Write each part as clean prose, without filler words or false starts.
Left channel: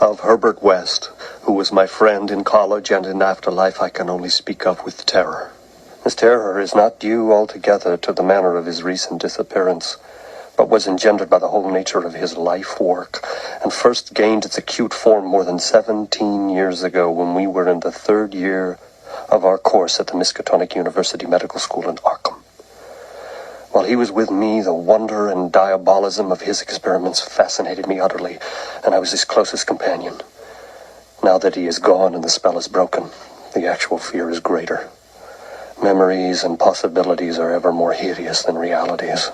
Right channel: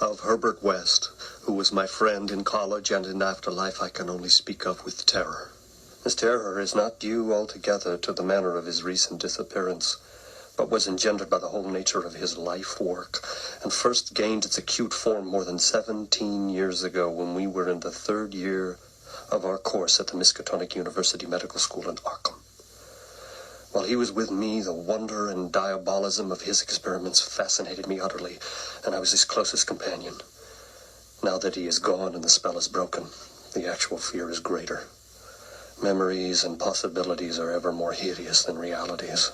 Of Herbert West, who was my friend in college and in afterlife, I can only speak of with terror. This terror is not due altogether to the manner of his recent disappearance, but was engendered by the whole nature of his life work, and first gained its acute form more than 17 years ago when we were in the third year of our course at the Miskatonic University Medical School in Arkham. While he was with me, the wonder and diabolism of his experiments fascinated me utterly, and I was his closest companion. Now that he is gone and the spell is broken, the actual fear is greater. Memories and possibilities are ever more hideous than realities.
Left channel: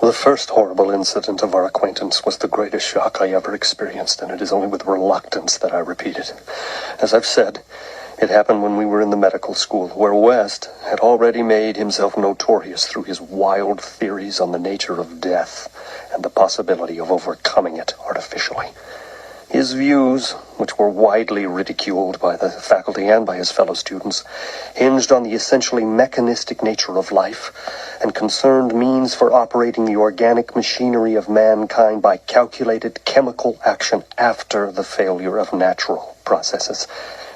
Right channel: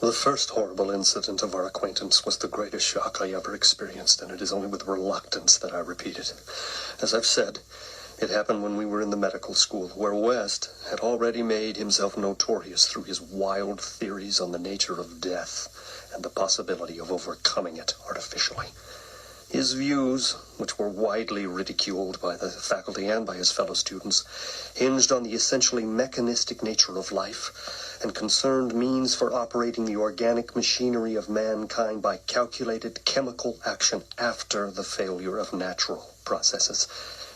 The first horrible incident of our acquaintance was the greatest shock I ever experienced, and it is only with reluctance that I repeat it. As I've said, it happened when we were in the medical school, where West had already made himself notorious through his wild theories on the nature of death and the possibility of overcoming it artificially. His views, which were widely ridiculed by the faculty and by his fellow students, hinged on the essentially mechanistic nature of life and concerned means for operating the organic machinery of mankind by calculated chemical action after the failure of natural processes.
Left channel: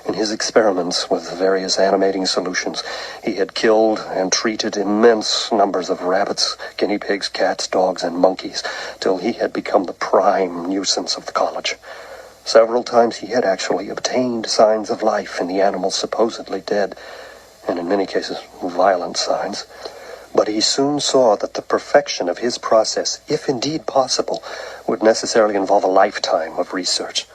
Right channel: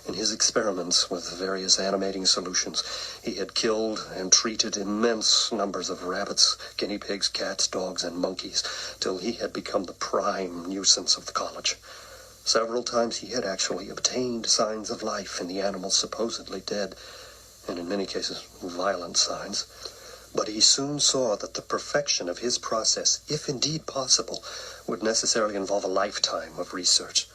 In his experiments with various animating solutions, he had killed and treated immense numbers of rabbits, guinea pigs, cats, dogs, and monkeys, till he had become the prime nuisance of the college. Several times he had actually obtained signs of life in the animals supposedly dead, and in many cases violent signs. But he soon saw that the perfection of his process, if indeed possible, would necessarily involve a lifetime of research.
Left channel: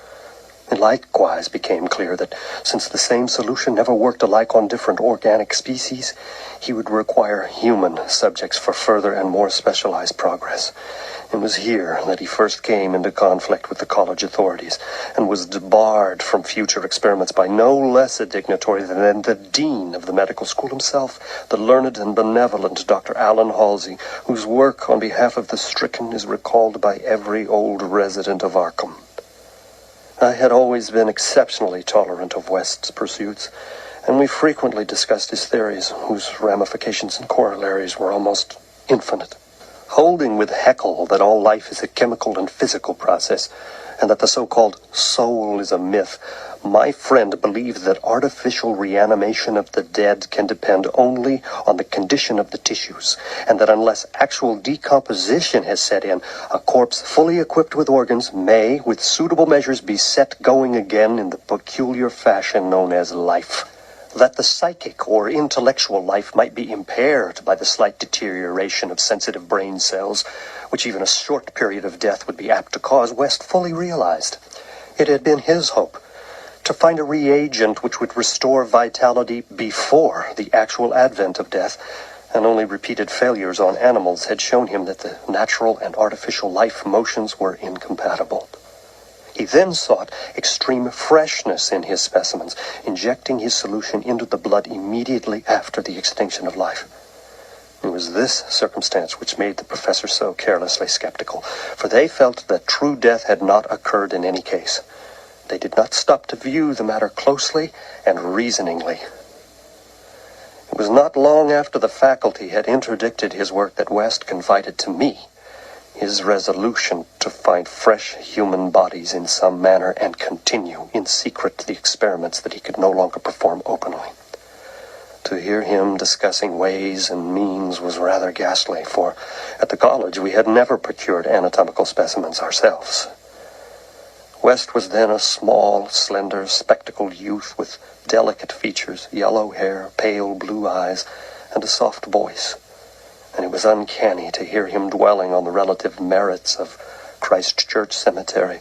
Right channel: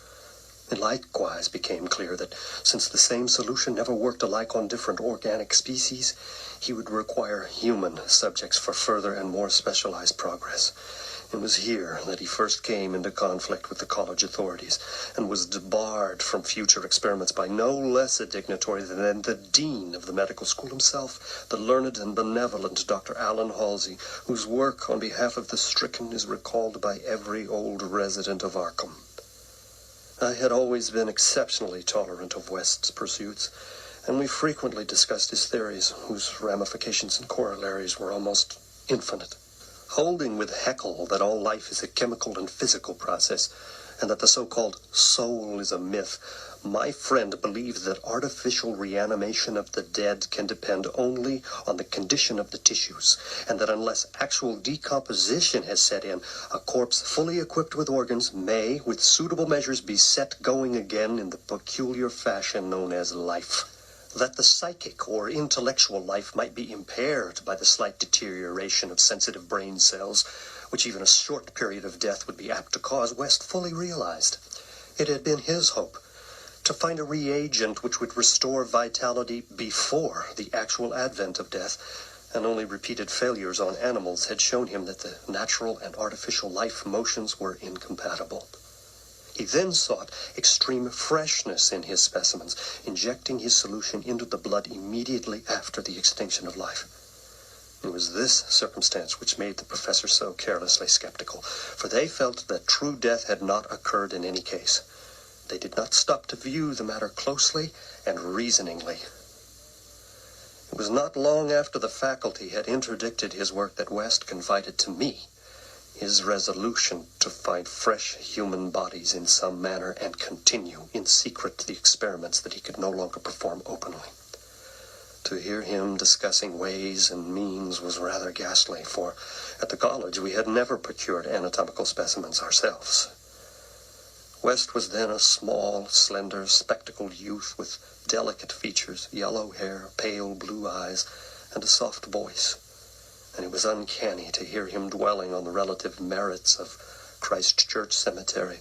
It likewise became clear that since the same solution never worked alike on different organic species, he would require human subjects for further and more specialized progress. It was here that he first came into conflict with the college authorities and was debarred from future experiments by no less a dignitary than the dean of the medical school himself, the learned and benevolent Dr. Allen Halsey, whose work on behalf of the stricken is recalled by every old resident of Arkham. I had always been exceptionally tolerant of West's pursuits, and we frequently discussed his theories, whose ramifications and corollaries were almost infinite. Holding with Haeckel that all life is a chemical and physical process, and that the so-called soul is a myth, my friend believed that artificial reanimation of the dead can depend only on the condition of the tissues, and that unless actual decomposition has set in, a corpse fully equipped with organs may, with suitable measures, be set going again in the peculiar fashion known as life. That the psychic or intellectual life might be impaired by the slight deterioration of sensitive brain cells, which even a short period of death would be apt to cause, West fully realized. It had been his hope to find a reagent which would restore vitality before the actual advent of death, and only repeated failures on animals had shown him that the natural and artificial life motions were incompatible. He then sought extreme freshness in his specimens, injecting his solution into the blood immediately after the extinction of life. It was this circumstance which made the professor so carelessly skeptical, for they felt that true death had not occurred in any case. They did not stop to view the matter closely and reasoningly. It was not long after the faculty had interdicted his work that West confided to me his resolution to find fresh human bodies in some manner and continue in secret the experiments that he could no longer perform openly. To hear him discussing ways and means was rather ghastly, for at the college we had never procured anatomical specimens ourselves. West was then a small, slender, spectacled youth with delicate features, yellow hair, pale blue eyes, and a soft voice. And it was uncanny to hear him dwelling on the relative merits of Christ Church Cemetery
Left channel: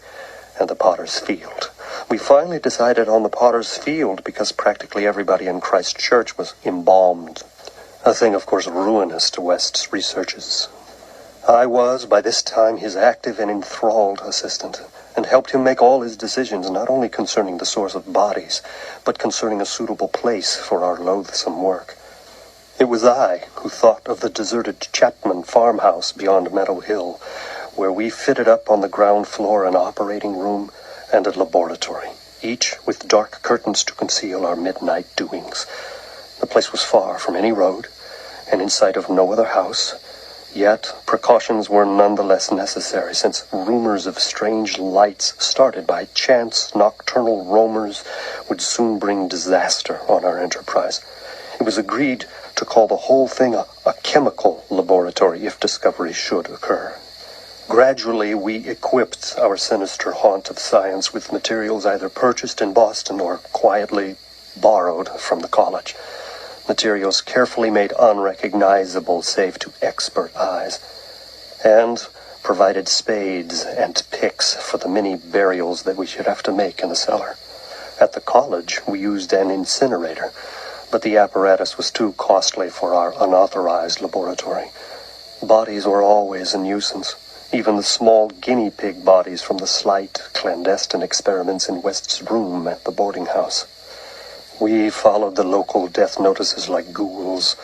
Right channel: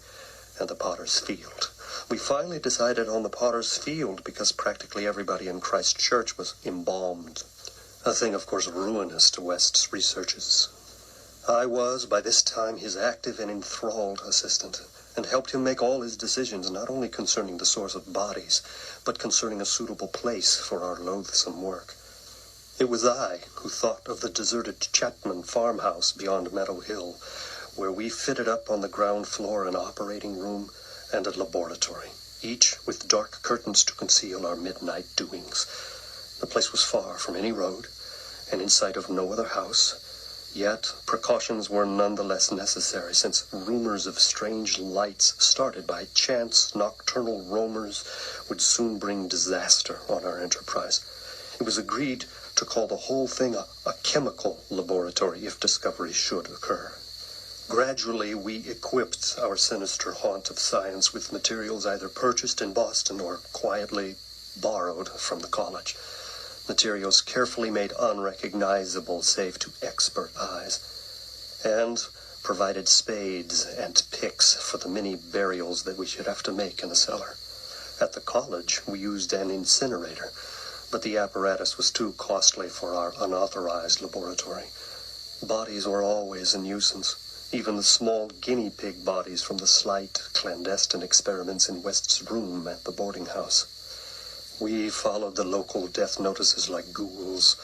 and the Potter's Field. We finally decided on the Potter's Field because practically everybody in Christ Church was embalmed, a thing, of course, ruinous to West's researches. I was, by this time, his active and enthralled assistant, and helped him make all his decisions, not only concerning the source of bodies, but concerning a suitable place for our loathsome work. It was I who thought of the deserted Chapman farmhouse beyond Meadow Hill, where we fitted up on the ground floor an operating room and a laboratory, each with dark curtains to conceal our midnight doings. The place was far from any road, and in sight of no other house. Yet, precautions were nonetheless necessary, since rumors of strange lights started by chance nocturnal roamers would soon bring disaster on our enterprise. It was agreed to call the whole thing a chemical laboratory if discovery should occur. Gradually, we equipped our sinister haunt of science with materials either purchased in Boston or quietly borrowed from the college. Materials carefully made unrecognizable save to expert eyes, and provided spades and picks for the many burials that we should have to make in the cellar. At the college, we used an incinerator, but the apparatus was too costly for our unauthorized laboratory. Bodies were always a nuisance, even the small guinea pig bodies from the slight, clandestine experiments in West's room at the boarding house. We followed the local death notices like ghouls,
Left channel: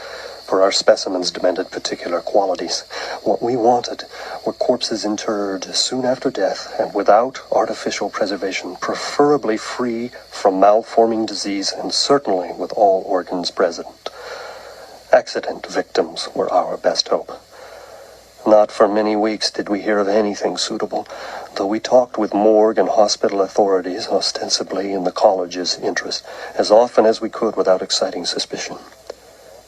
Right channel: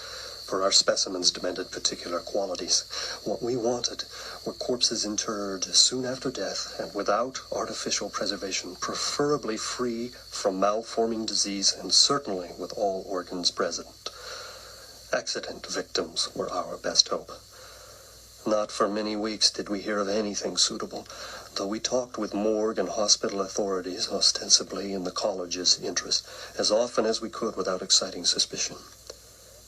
for our specimens demanded particular qualities. What we wanted were corpses interred soon after death and without artificial preservation, preferably free from malforming disease and certainly with all organs present. Accident victims were our best hope. Not for many weeks did we hear of anything suitable, though we talked with morgue and hospital authorities, ostensibly in the college's interest, as often as we could without exciting suspicion.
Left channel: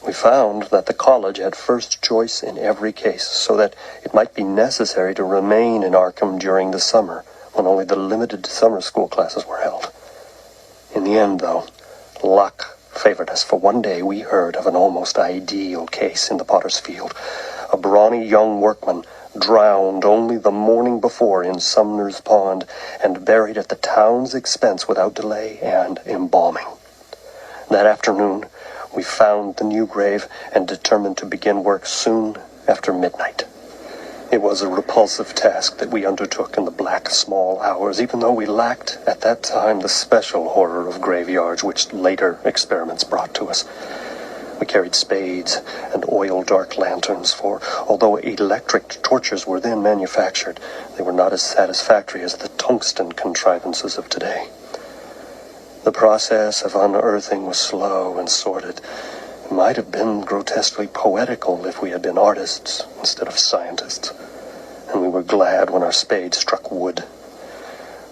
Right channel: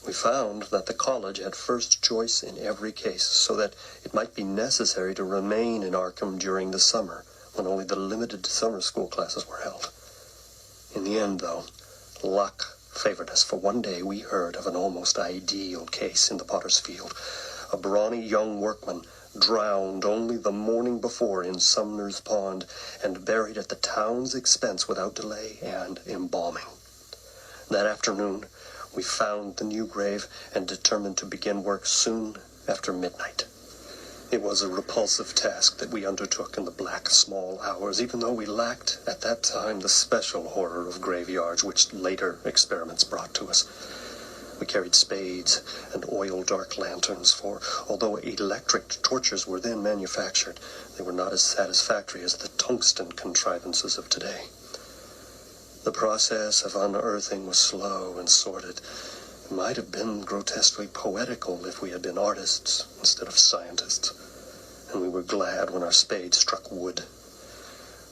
We found that the college had first choice in every case, so that it might be necessary to remain in Arkham during the summer, when only the limited summer school classes were held. In the end, though, luck favored us, for one day we heard of an almost ideal case in the Potter's Field. A brawny young workman drowned only the morning before in Sumner's Pond and buried at the town's expense without delay and embalming. That afternoon, we found the new grave and determined to begin work soon after midnight. It was a repulsive task that we undertook in the black small hours, even though we lacked at that time the special horror of graveyards which later experiments brought to us. We carried spades and oil-dark lanterns, for although electric torches were then manufactured, they were not as satisfactory as the tungsten contrivances of today. The process of unearthing was slow and sordid. It might have been grotesquely poetical if we had been artists instead of scientists, and we were glad when our spades struck wood.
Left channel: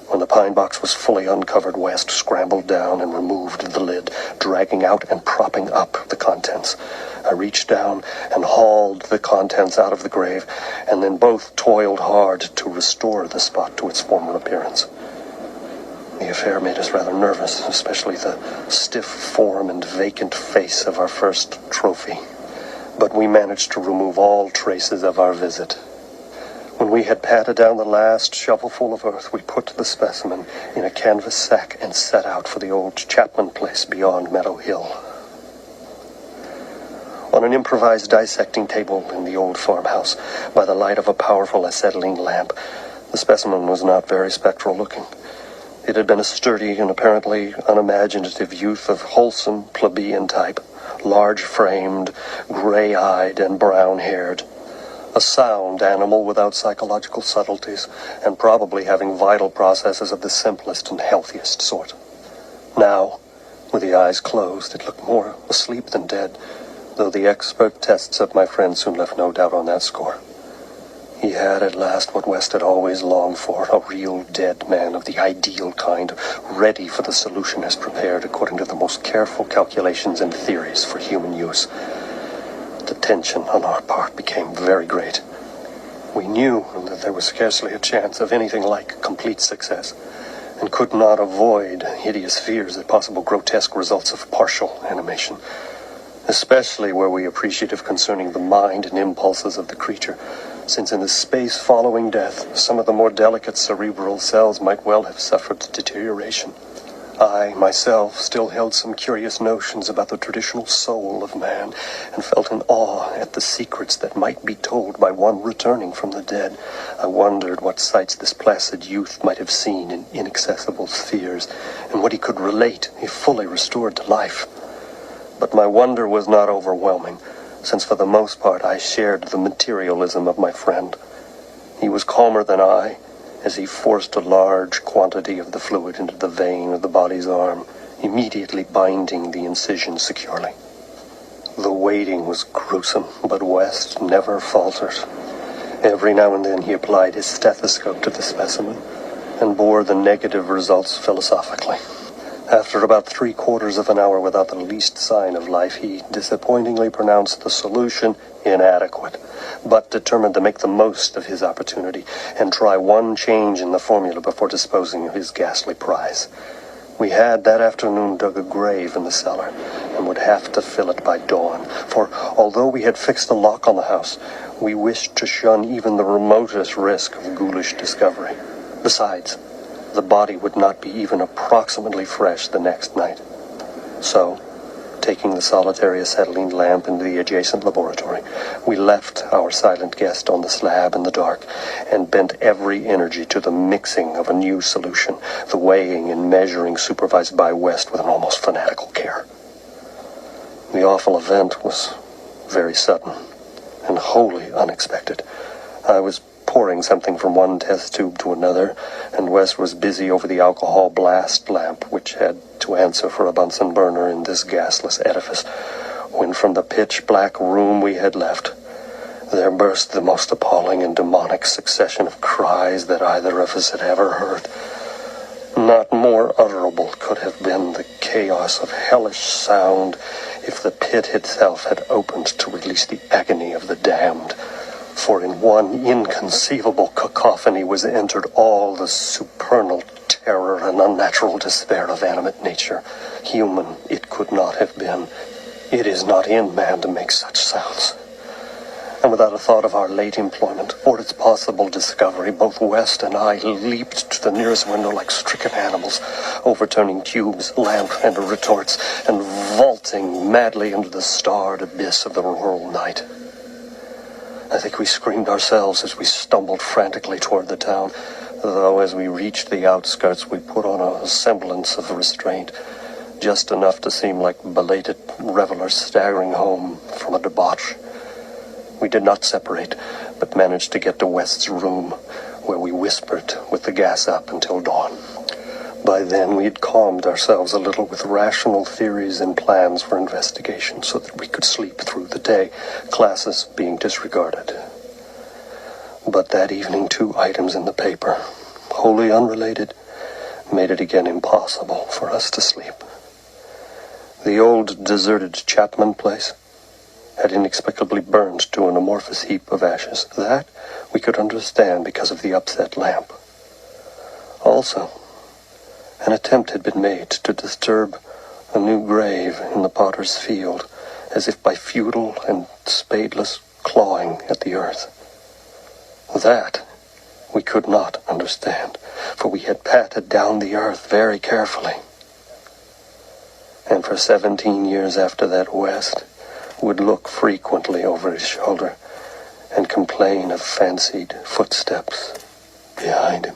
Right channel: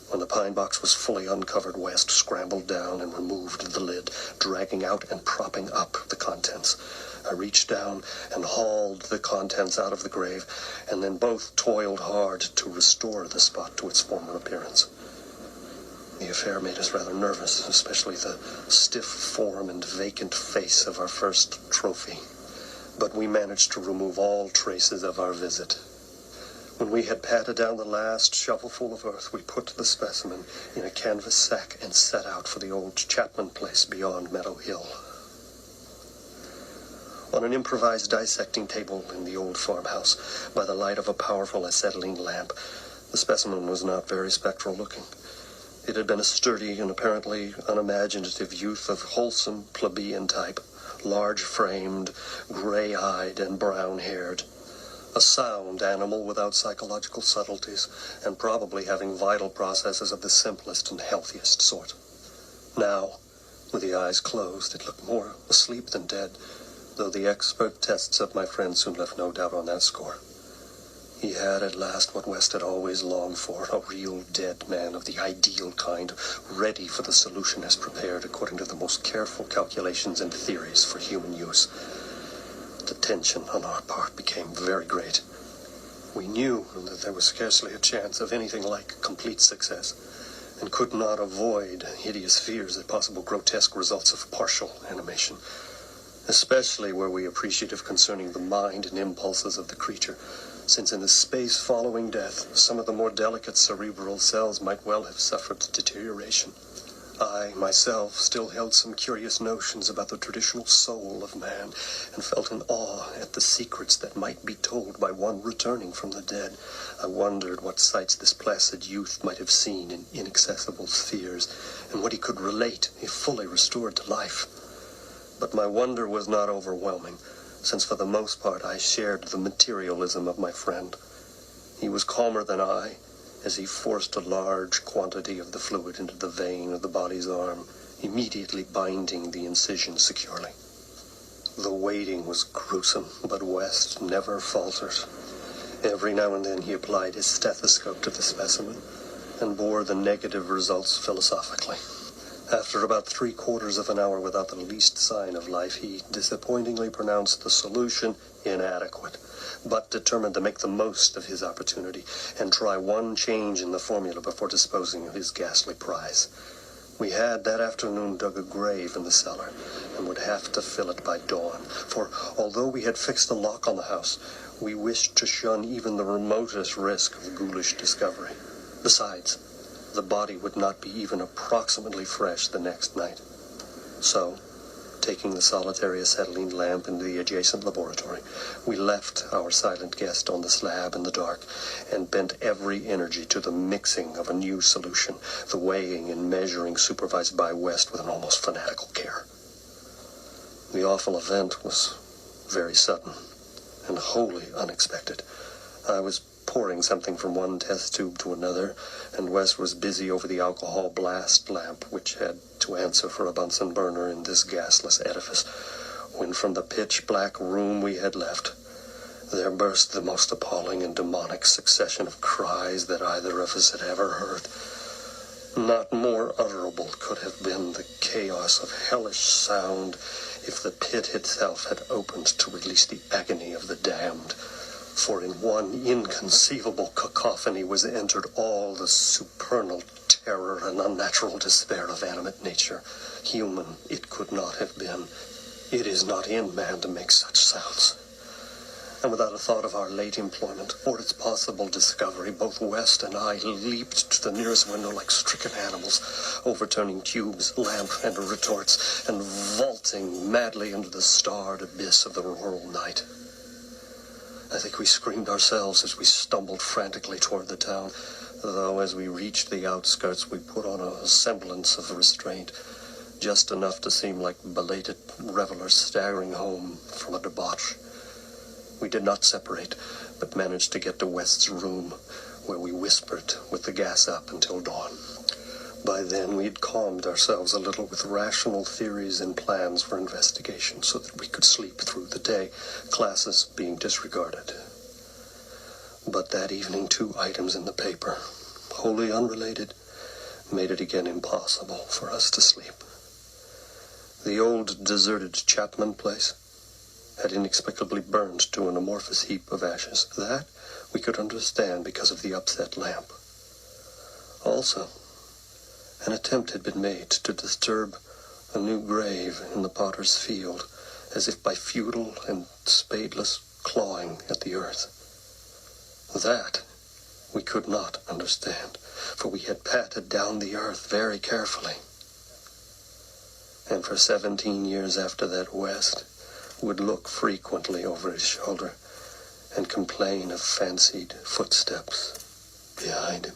When the pine box was fully uncovered, West scrambled down and removed the lid, dragging out and propping up the contents. I reached down and hauled the contents out of the grave, and then both toiled hard to restore the spot to its former appearance. The affair made us rather nervous, especially the stiff form and vacant face of our first trophy. But we managed to remove all traces of our visit. When we had patted down the last shovelful of earth, we put the specimen in a canvas sack and set out for the old Chapman place beyond Meadow Hill. On an improvised dissecting table in the old farmhouse, by the light of a powerful acetylene lamp, the specimen was not very spectral looking. It had been a sturdy and apparently unimaginative youth of wholesome plebeian type, large-framed, gray-eyed, and brown-haired. A sound animal without psychological subtleties, and probably having vital processes of the simplest and healthiest sort. Now, with the eyes closed, it looked more asleep than dead, though the expert tests of my friend soon left no doubt on that score. He had at last what West had always longed for, a real dead man of the ideal kind, ready for the solution as prepared according to the most careful calculations and theories for human use. The tension on our part became very great. We knew that there was scarcely a chance of anything like complete success, and could not avoid hideous fears at possible grotesque results of partial animation, especially were we appreciative concerning the mind and impulses of the creature, since in the space following death, some of the more delicate cerebral cells might well have suffered deterioration. I, myself, still held some curious notions about the traditional soul of man, and felt in awe at the secrets that might be told by one returning from the dead. I wondered what sights this placid youth might have seen in inaccessible spheres, and what he could relate if fully restored to life. But my wonder was not overwhelming, since for the most part I shared the materialism of my friend. He was calmer than I, as he forced a large quantity of the fluid into the vein of the body's arm, immediately binding the incision securely. The waiting was gruesome, but West never faltered. Every now and then he applied his stethoscope to the specimen and bore the negative results philosophically. After about 3/4 of an hour without the least sign of life, he disappointingly pronounced the solution inadequate, but determined to make the most of his opportunity and try one change in the formula before disposing of his ghastly prize. We had that afternoon dug a grave in the cellar and would have to fill it by dawn, for although we had fixed a lock on the house, we wished to shun even the remotest risk of ghoulish discovery. Besides, the body would not be even approximately fresh the next night. So, taking the solitary acetylene lamp into the adjacent laboratory, we left our silent guest on the slab in the dark and bent every energy to the mixing of a new solution, the weighing and measuring supervised by West with an almost fanatical care. The awful event was very sudden and wholly unexpected. I was pouring something from one test tube to another, and Wes was busy over the alcohol blast lamp, which had to answer for a Bunsen burner in this gasless edifice, when from the pitch-black room we had left, there burst the most appalling and demonic succession of cries that either of us had ever heard. Not more utterable could have been the chaos of hellish sound if the pit itself had opened to release the agony of the damned. For in one inconceivable cacophony was entered all the supernal terror and unnatural despair of animate nature. Human it could not have been. It is not in man to make such sounds. And without a thought of our late employment or its possible discovery, both West and I leaped to the nearest window like stricken animals, overturning tubes, lamp, and retorts, and vaulting madly into the starred abyss of the rural night. I think we screamed ourselves as we stumbled frantically toward the town, though as we reached the outskirts we put on a semblance of restraint, just enough to seem like belated revelers staggering home from a debauch. We did not separate, but managed to get to West's room, where we whispered with the gas up until dawn. By then we had calmed ourselves a little with rational theories and plans for investigation so that we could sleep through the day, classes being disregarded. But that evening 2 items in the paper, wholly unrelated, made it again impossible for us to sleep. The old deserted Chapman place had inexplicably burned to an amorphous heap of ashes. That we could understand because of the upset lamp. Also, an attempt had been made to disturb a new grave in the potter's field, as if by futile and spadeless clawing at the earth. That we could not understand, for we had patted down the earth very carefully. And for 17 years after that, West would look frequently over his shoulder and complain of fancied footsteps behind him.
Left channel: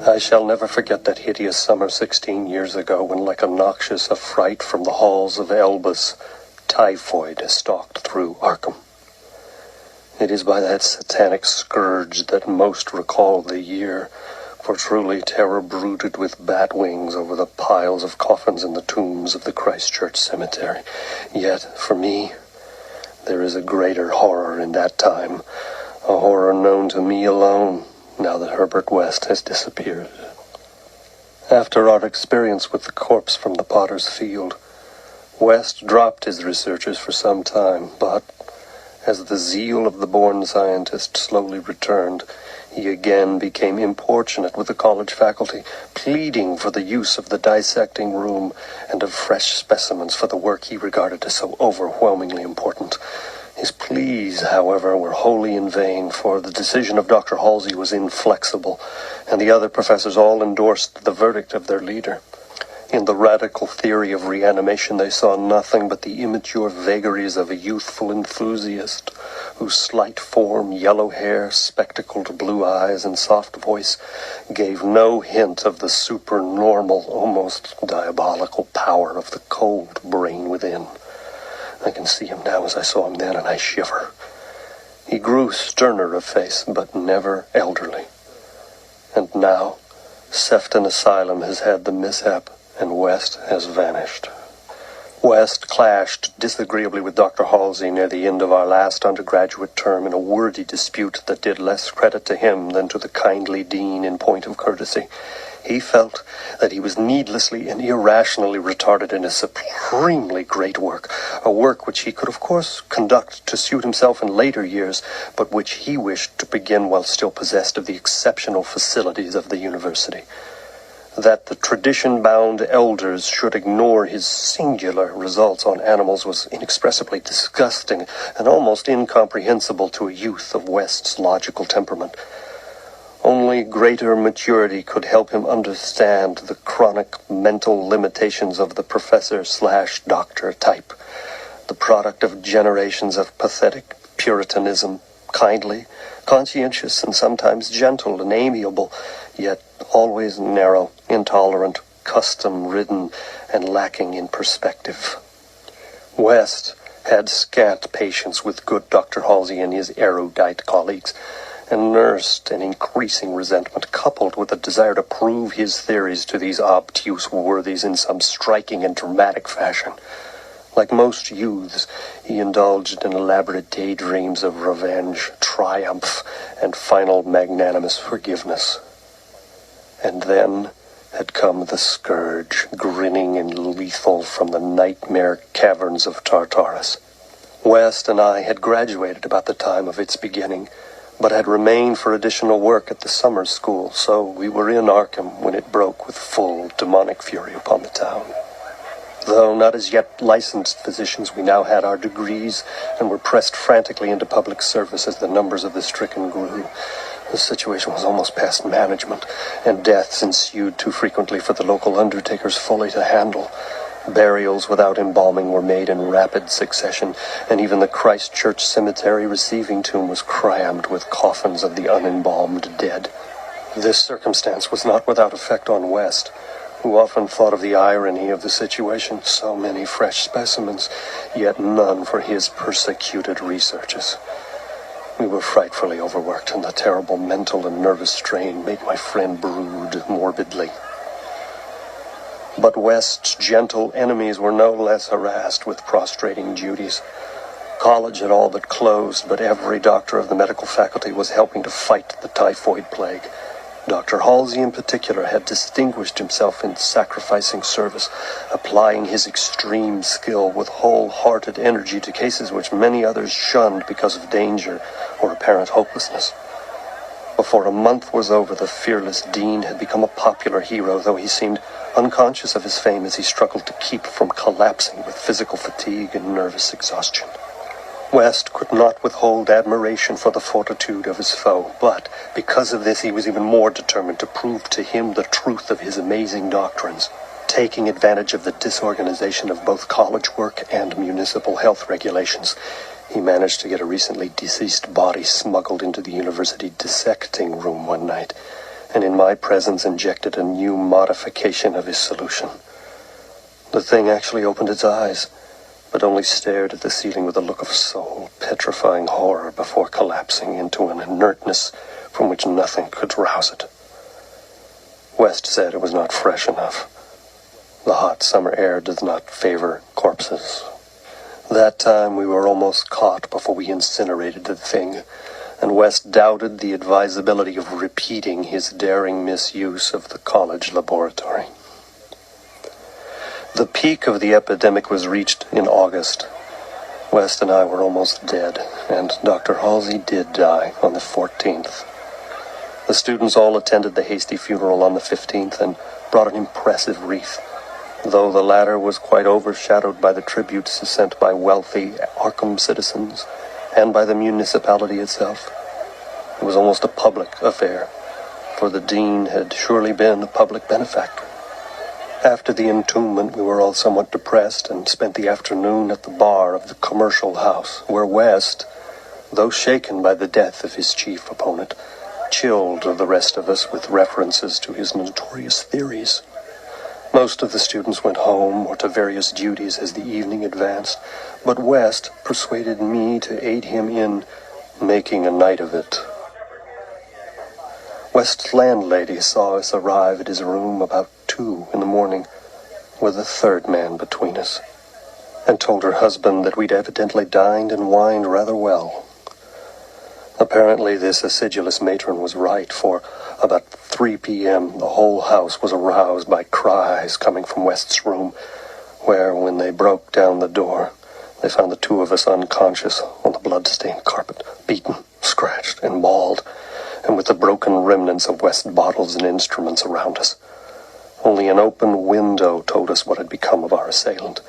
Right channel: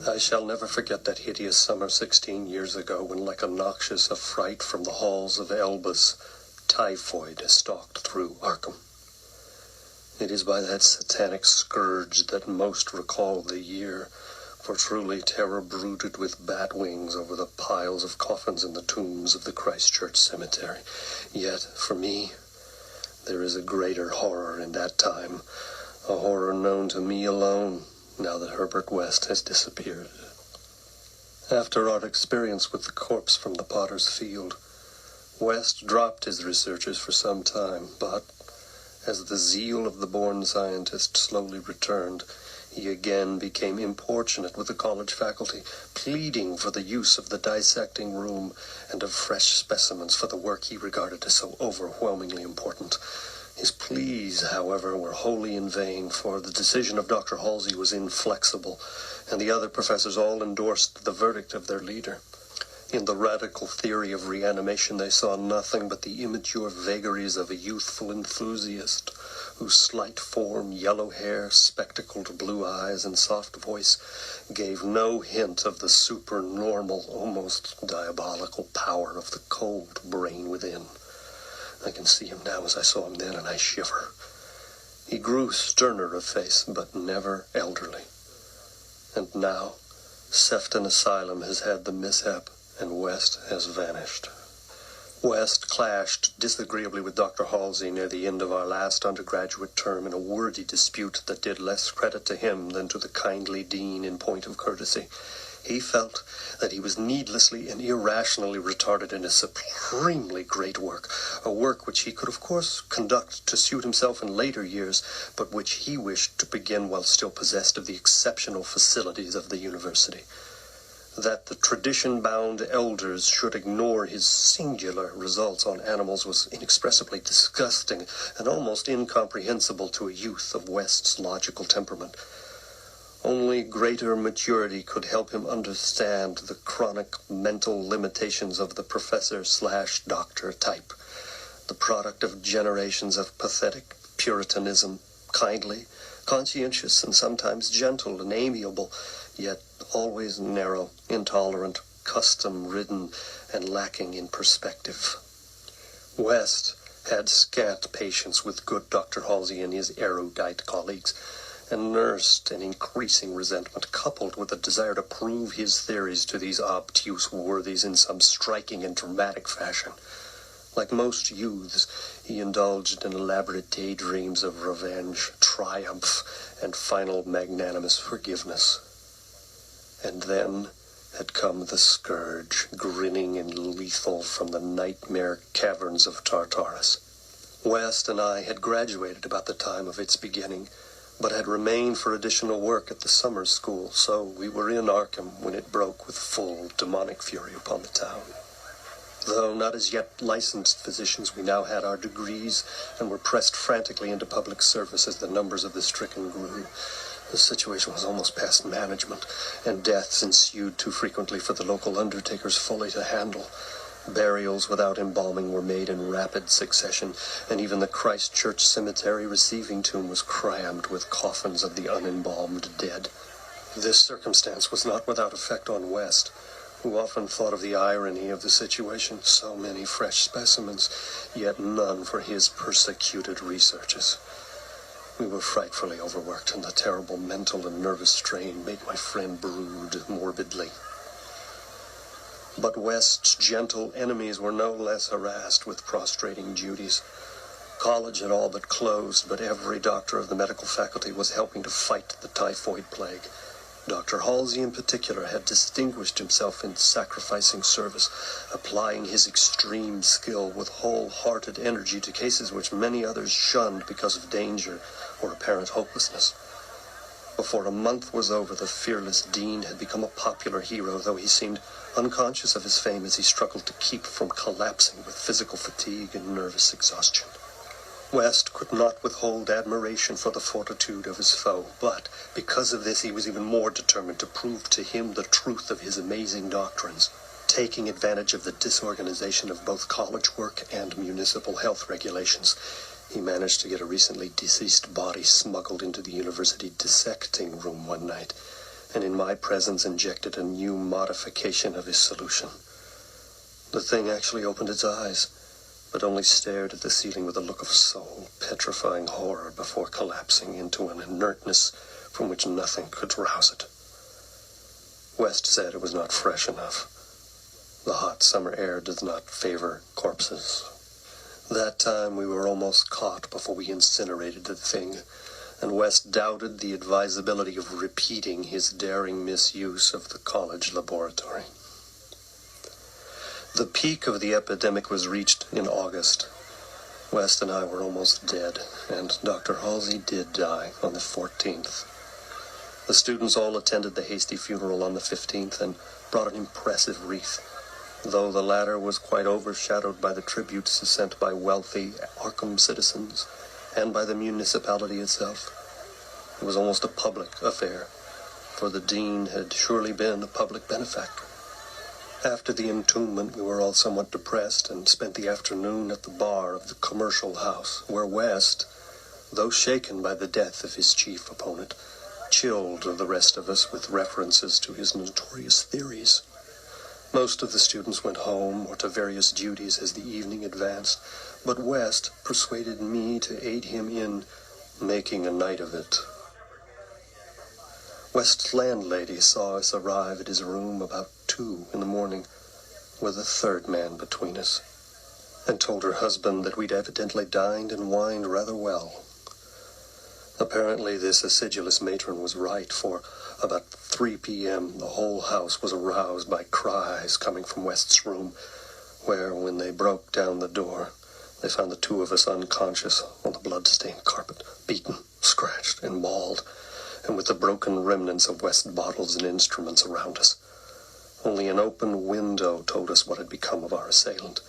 I shall never forget that hideous summer 16 years ago when, like a noxious affright from the halls of Elbas, typhoid stalked through Arkham. It is by that satanic scourge that most recall the year, for truly terror brooded with bat wings over the piles of coffins in the tombs of the Christchurch cemetery. Yet, for me, there is a greater horror in that time, a horror known to me alone, now that Herbert West has disappeared. After our experience with the corpse from the potter's field, West dropped his researches for some time, but as the zeal of the born scientist slowly returned, he again became importunate with the college faculty, pleading for the use of the dissecting room and of fresh specimens for the work he regarded as so overwhelmingly important. His pleas, however, were wholly in vain, for the decision of Dr. Halsey was inflexible, and the other professors all endorsed the verdict of their leader. In the radical theory of reanimation, they saw nothing but the immature vagaries of a youthful enthusiast whose slight form, yellow hair, spectacled blue eyes, and soft voice gave no hint of the supernormal, almost diabolical power of the cold brain within. I can see him now as I saw him then, and I shiver. He grew sterner of face, but never elderly. And now, Sefton Asylum has had the mishap, and West has vanished. West clashed disagreeably with Dr. Halsey near the end of our last undergraduate term in a wordy dispute that did less credit to him than to the kindly dean in point of courtesy. He felt that he was needlessly and irrationally retarded in a supremely great work, a work which he could of course conduct to suit himself in later years, but which he wished to begin while still possessed of the exceptional facilities of the university. That the tradition-bound elders should ignore his singular results on animals was inexpressibly disgusting and almost incomprehensible to a youth of West's logical temperament. Only greater maturity could help him understand the chronic mental limitations of the professor/doctor type, the product of generations of pathetic puritanism, kindly, conscientious, and sometimes gentle and amiable, yet always narrow, intolerant, custom-ridden, and lacking in perspective. West had scant patience with good Dr. Halsey and his erudite colleagues, and nursed an increasing resentment, coupled with a desire to prove his theories to these obtuse worthies in some striking and dramatic fashion. Like most youths, he indulged in elaborate daydreams of revenge, triumph, and final magnanimous forgiveness. And then had come the scourge, grinning and lethal from the nightmare caverns of Tartarus. West and I had graduated about the time of its beginning, but had remained for additional work at the summer school, so we were in Arkham when it broke with full demonic fury upon the town. Though not as yet licensed physicians, we now had our degrees and were pressed frantically into public service as the numbers of the stricken grew. The situation was almost past management, and deaths ensued too frequently for the local undertakers fully to handle. Burials without embalming were made in rapid succession, and even the Christ Church Cemetery receiving tomb was crammed with coffins of the unembalmed dead. This circumstance was not without effect on West, who often thought of the irony of the situation. So many fresh specimens, yet none for his persecuted researches. We were frightfully overworked, and the terrible mental and nervous strain made my friend brood morbidly. But West's gentle enemies were no less harassed with prostrating duties. College had all but closed, but every doctor of the medical faculty was helping to fight the typhoid plague. Dr. Halsey in particular had distinguished himself in sacrificing service, applying his extreme skill with wholehearted energy to cases which many others shunned because of danger or apparent hopelessness. Before a month was over, the fearless dean had become a popular hero, though he seemed unconscious of his fame as he struggled to keep from collapsing with physical fatigue and nervous exhaustion. West could not withhold admiration for the fortitude of his foe, but because of this he was even more determined to prove to him the truth of his amazing doctrines. Taking advantage of the disorganization of both college work and municipal health regulations, he managed to get a recently deceased body smuggled into the university dissecting room one night, and in my presence injected a new modification of his solution. The thing actually opened its eyes, but only stared at the ceiling with a look of soul-petrifying horror before collapsing into an inertness from which nothing could rouse it. West said it was not fresh enough. The hot summer air does not favor corpses. That time we were almost caught before we incinerated the thing, and West doubted the advisability of repeating his daring misuse of the college laboratory. The peak of the epidemic was reached in August. West and I were almost dead, and Dr. Halsey did die on the 14th. The students all attended the hasty funeral on the 15th and brought an impressive wreath, though the latter was quite overshadowed by the tributes sent by wealthy Arkham citizens and by the municipality itself. It was almost a public affair, for the dean had surely been a public benefactor. After the entombment, we were all somewhat depressed and spent the afternoon at the bar of the commercial house, where West, though shaken by the death of his chief opponent, chilled the rest of us with references to his notorious theories. Most of the students went home or to various duties as the evening advanced, but West persuaded me to aid him in making a night of it. West's landlady saw us arrive at his room about 2 in the morning, with a third man between us, and told her husband that we'd evidently dined and wined rather well. Apparently this acidulous matron was right, for about 3 p.m. the whole house was aroused by cries coming from West's room, where, when they broke down the door, they found the two of us unconscious on the blood-stained carpet, beaten, scratched, and mauled, and with the broken remnants of West's bottles and instruments around us. Only an open window told us what had become of our assailant,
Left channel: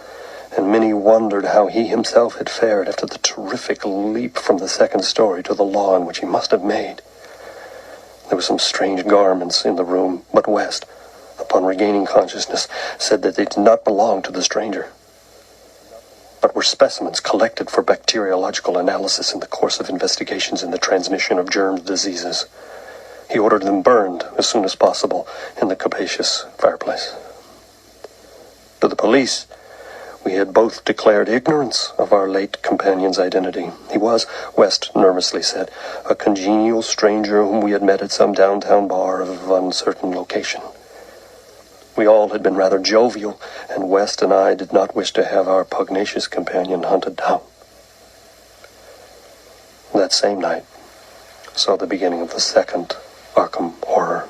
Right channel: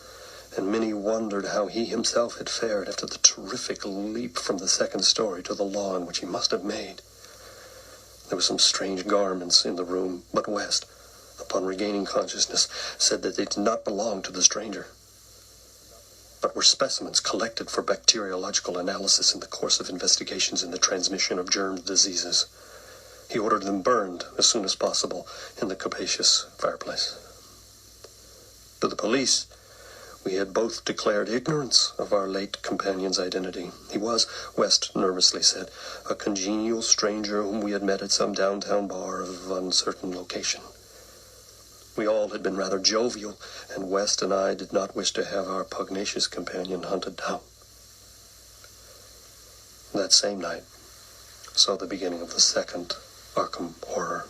and many wondered how he himself had fared after the terrific leap from the second story to the lawn which he must have made. There were some strange garments in the room, but West, upon regaining consciousness, said that they did not belong to the stranger, but were specimens collected for bacteriological analysis in the course of investigations in the transmission of germ diseases. He ordered them burned as soon as possible in the capacious fireplace. To the police, we had both declared ignorance of our late companion's identity. He was, West nervously said, a congenial stranger whom we had met at some downtown bar of uncertain location. We all had been rather jovial, and West and I did not wish to have our pugnacious companion hunted down. That same night saw the beginning of the second Arkham horror.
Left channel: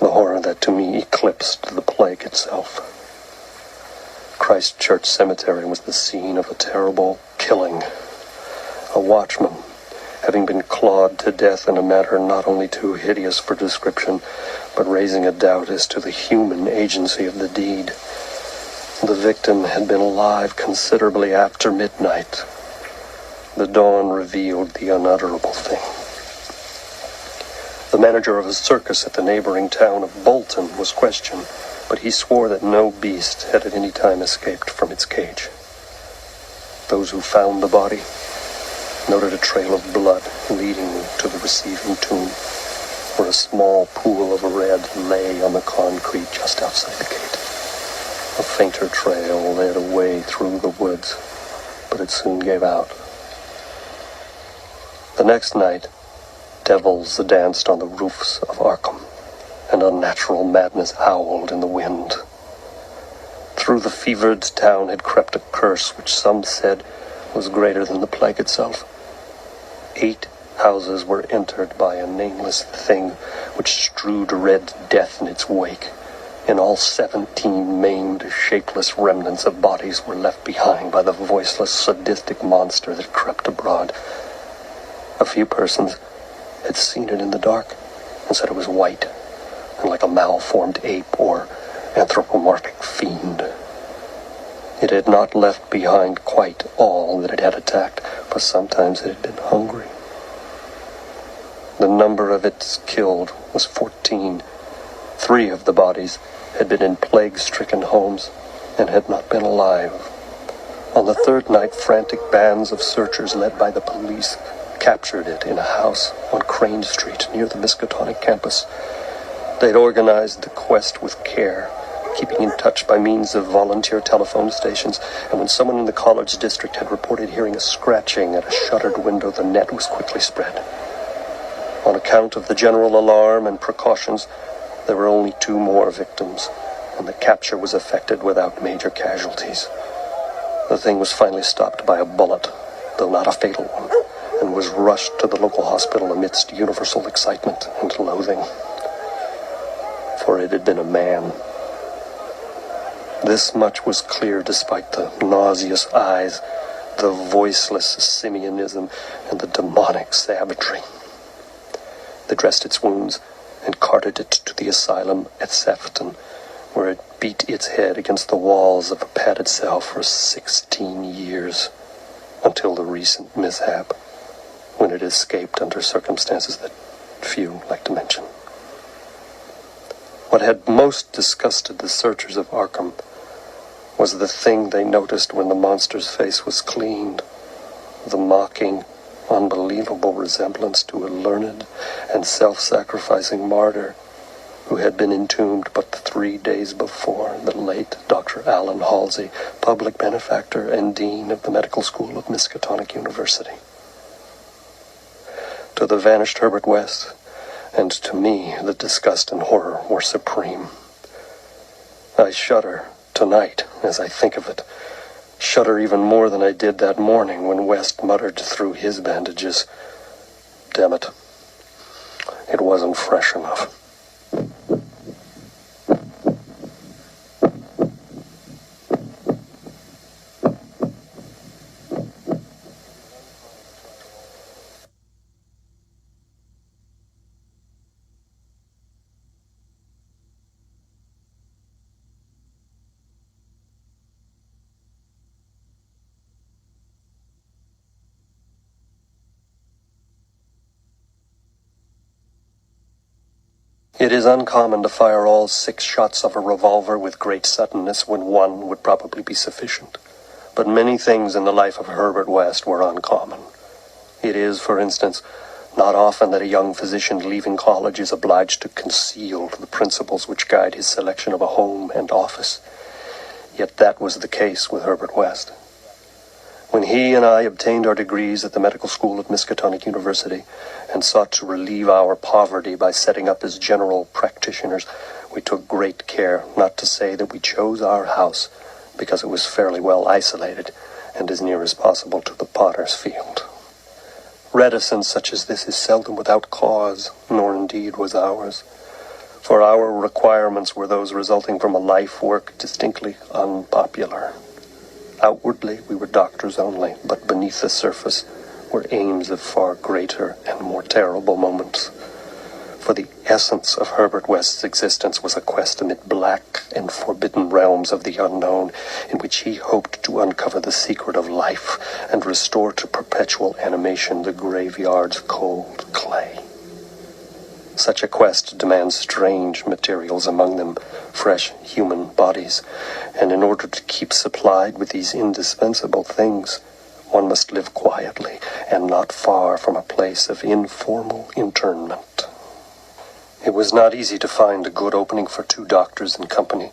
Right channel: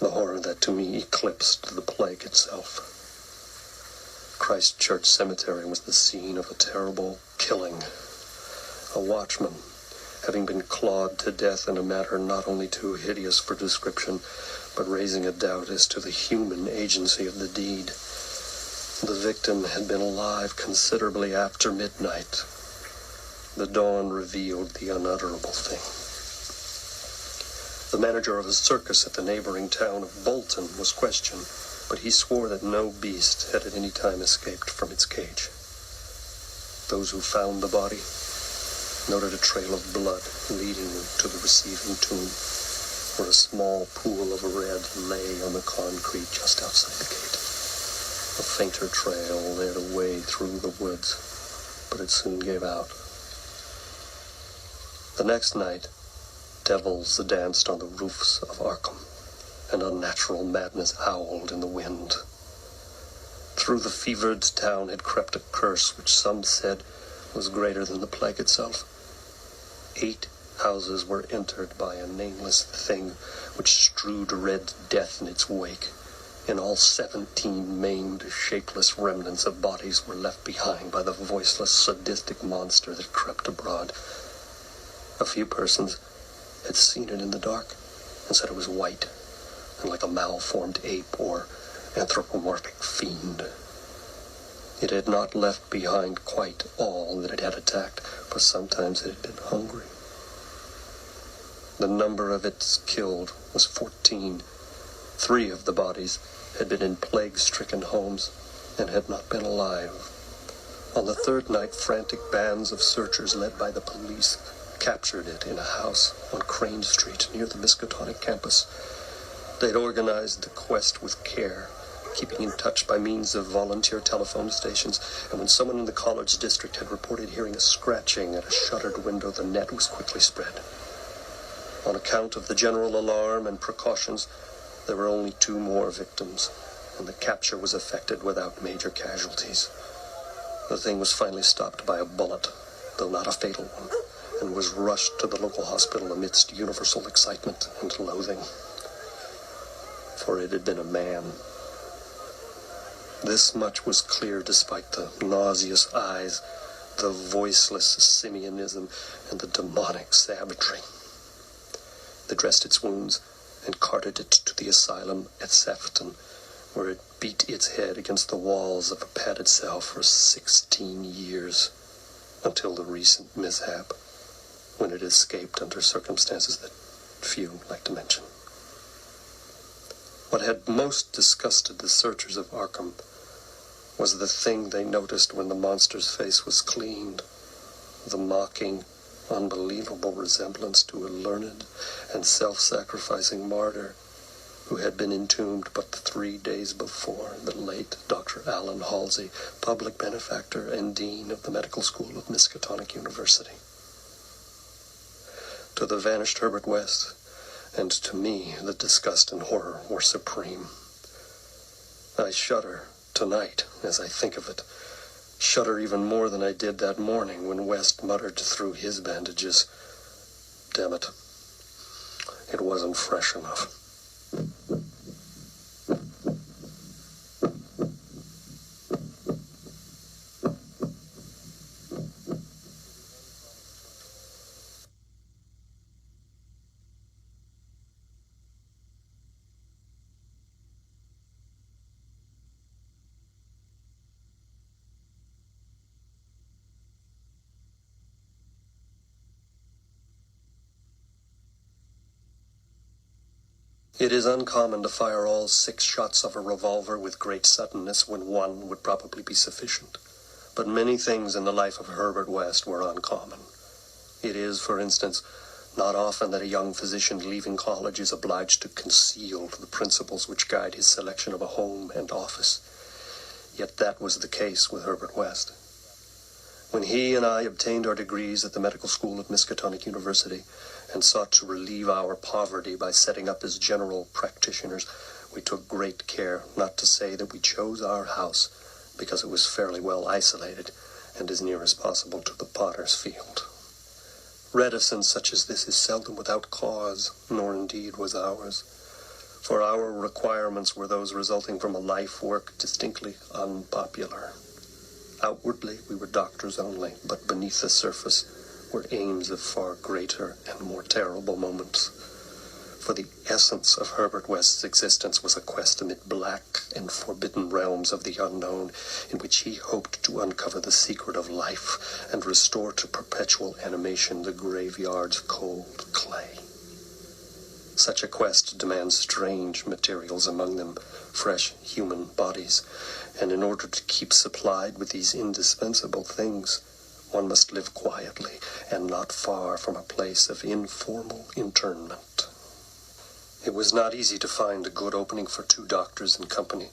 The horror that to me eclipsed the plague itself. Christ Church Cemetery was the scene of a terrible killing. A watchman, having been clawed to death in a manner not only too hideous for description, but raising a doubt as to the human agency of the deed. The victim had been alive considerably after midnight. The dawn revealed the unutterable thing. The manager of a circus at the neighboring town of Bolton was questioned, but he swore that no beast had at any time escaped from its cage. Those who found the body noted a trail of blood leading to the receiving tomb, where a small pool of red lay on the concrete just outside the gate. A fainter trail led away through the woods, but it soon gave out. The next night, devils danced on the roofs of Arkham, and unnatural madness howled in the wind. Through the fevered town had crept a curse which some said was greater than the plague itself. 8 houses were entered by a nameless thing which strewed red death in its wake. In all 17 maimed, shapeless remnants of bodies were left behind by the voiceless, sadistic monster that crept abroad. A few persons had seen it in the dark and said it was white and like a malformed ape or anthropomorphic fiend. It had not left behind quite all that it had attacked, for sometimes it had been hungry. The number of its killed was 14. 3 of the bodies had been in plague-stricken homes and had not been alive. On the third night, frantic bands of searchers led by the police captured it in a house on Crane Street near the Miskatonic campus. They had organized the quest with care, keeping in touch by means of volunteer telephone stations, and when someone in the college district had reported hearing a scratching at a shuttered window, the net was quickly spread. On account of the general alarm and precautions, there were only 2 more victims, and the capture was effected without major casualties. The thing was finally stopped by a bullet, though not a fatal one, and was rushed to the local hospital amidst universal excitement and loathing. For it had been a man. This much was clear despite the nauseous eyes, the voiceless simianism, and the demonic savagery. They dressed its wounds and carted it to the asylum at Sefton, where it beat its head against the walls of a padded cell for 16 years, until the recent mishap, when it escaped under circumstances that few like to mention. What had most disgusted the searchers of Arkham was the thing they noticed when the monster's face was cleaned. The mocking, unbelievable resemblance to a learned and self-sacrificing martyr who had been entombed but 3 days before, the late Dr. Allen Halsey, public benefactor and dean of the medical school of Miskatonic University. To the vanished Herbert West, and to me, the disgust and horror were supreme. I shudder tonight as I think of it, shudder even more than I did that morning when West muttered through his bandages, "Damn it, it wasn't fresh enough." It is uncommon to fire all 6 shots of a revolver with great suddenness when one would probably be sufficient. But many things in the life of Herbert West were uncommon. It is, for instance, not often that a young physician leaving college is obliged to conceal the principles which guide his selection of a home and office. Yet that was the case with Herbert West. When he and I obtained our degrees at the medical school of Miskatonic University and sought to relieve our poverty by setting up as general practitioners, we took great care not to say that we chose our house because it was fairly well isolated and as near as possible to the potter's field. Reticence such as this is seldom without cause, nor indeed was ours, for our requirements were those resulting from a life work distinctly unpopular. Outwardly, we were doctors only, but beneath the surface were aims of far greater and more terrible moments. For the essence of Herbert West's existence was a quest amid black and forbidden realms of the unknown, in which he hoped to uncover the secret of life and restore to perpetual animation the graveyard's cold clay. Such a quest demands strange materials, among them fresh human bodies, and in order to keep supplied with these indispensable things, one must live quietly and not far from a place of informal internment. It was not easy to find a good opening for 2 doctors in company,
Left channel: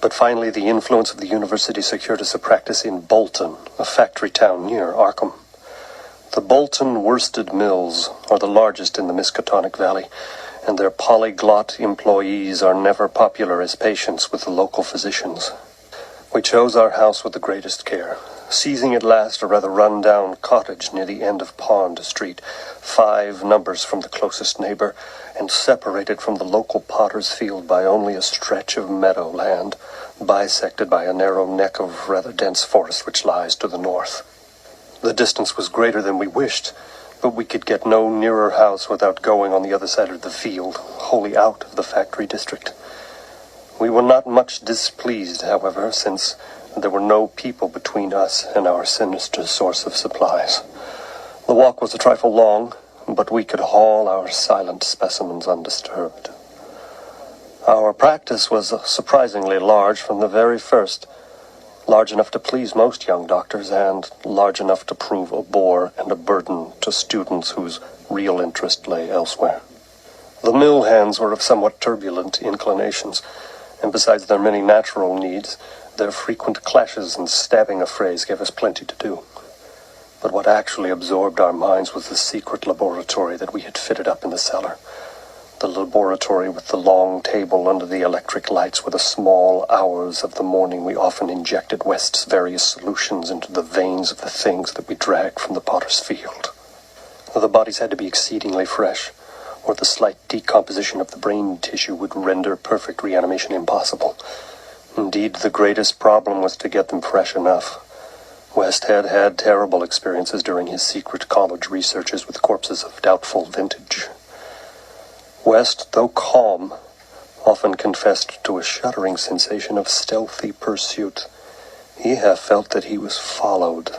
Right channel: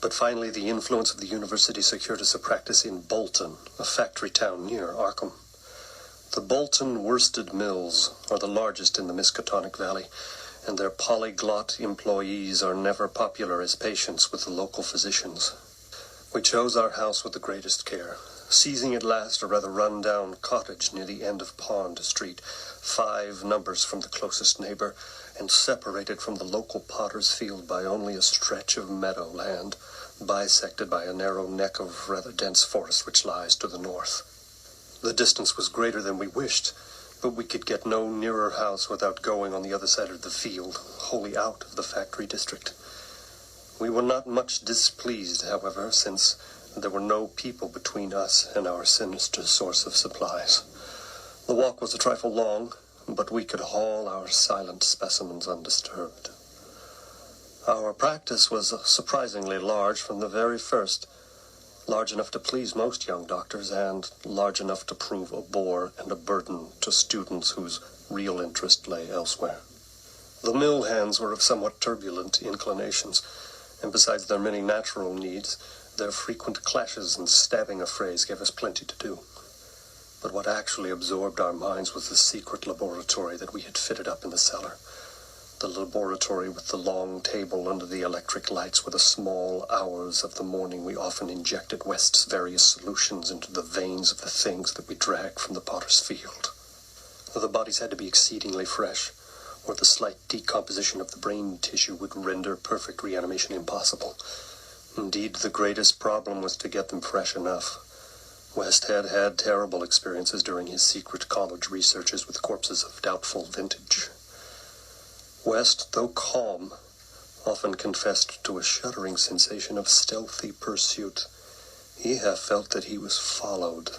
but finally the influence of the university secured us a practice in Bolton, a factory town near Arkham. The Bolton worsted mills are the largest in the Miskatonic Valley, and their polyglot employees are never popular as patients with the local physicians. We chose our house with the greatest care, seizing at last a rather run-down cottage near the end of Pond Street, 5 numbers from the closest neighbor, and separated from the local potter's field by only a stretch of meadowland, bisected by a narrow neck of rather dense forest which lies to the north. The distance was greater than we wished, but we could get no nearer house without going on the other side of the field, wholly out of the factory district. We were not much displeased, however, since there were no people between us and our sinister source of supplies. The walk was a trifle long, but we could haul our silent specimens undisturbed. Our practice was surprisingly large from the very first, large enough to please most young doctors and large enough to prove a bore and a burden to students whose real interest lay elsewhere. The mill hands were of somewhat turbulent inclinations, and besides their many natural needs, their frequent clashes and stabbing affrays gave us plenty to do. But what actually absorbed our minds was the secret laboratory that we had fitted up in the cellar. The laboratory with the long table under the electric lights where the small hours of the morning we often injected West's various solutions into the veins of the things that we dragged from the potter's field. The bodies had to be exceedingly fresh, or the slight decomposition of the brain tissue would render perfect reanimation impossible. Indeed, the greatest problem was to get them fresh enough. West had had terrible experiences during his secret college researches with corpses of doubtful vintage. West, though calm, often confessed to a shuddering sensation of stealthy pursuit. He half felt that he was followed,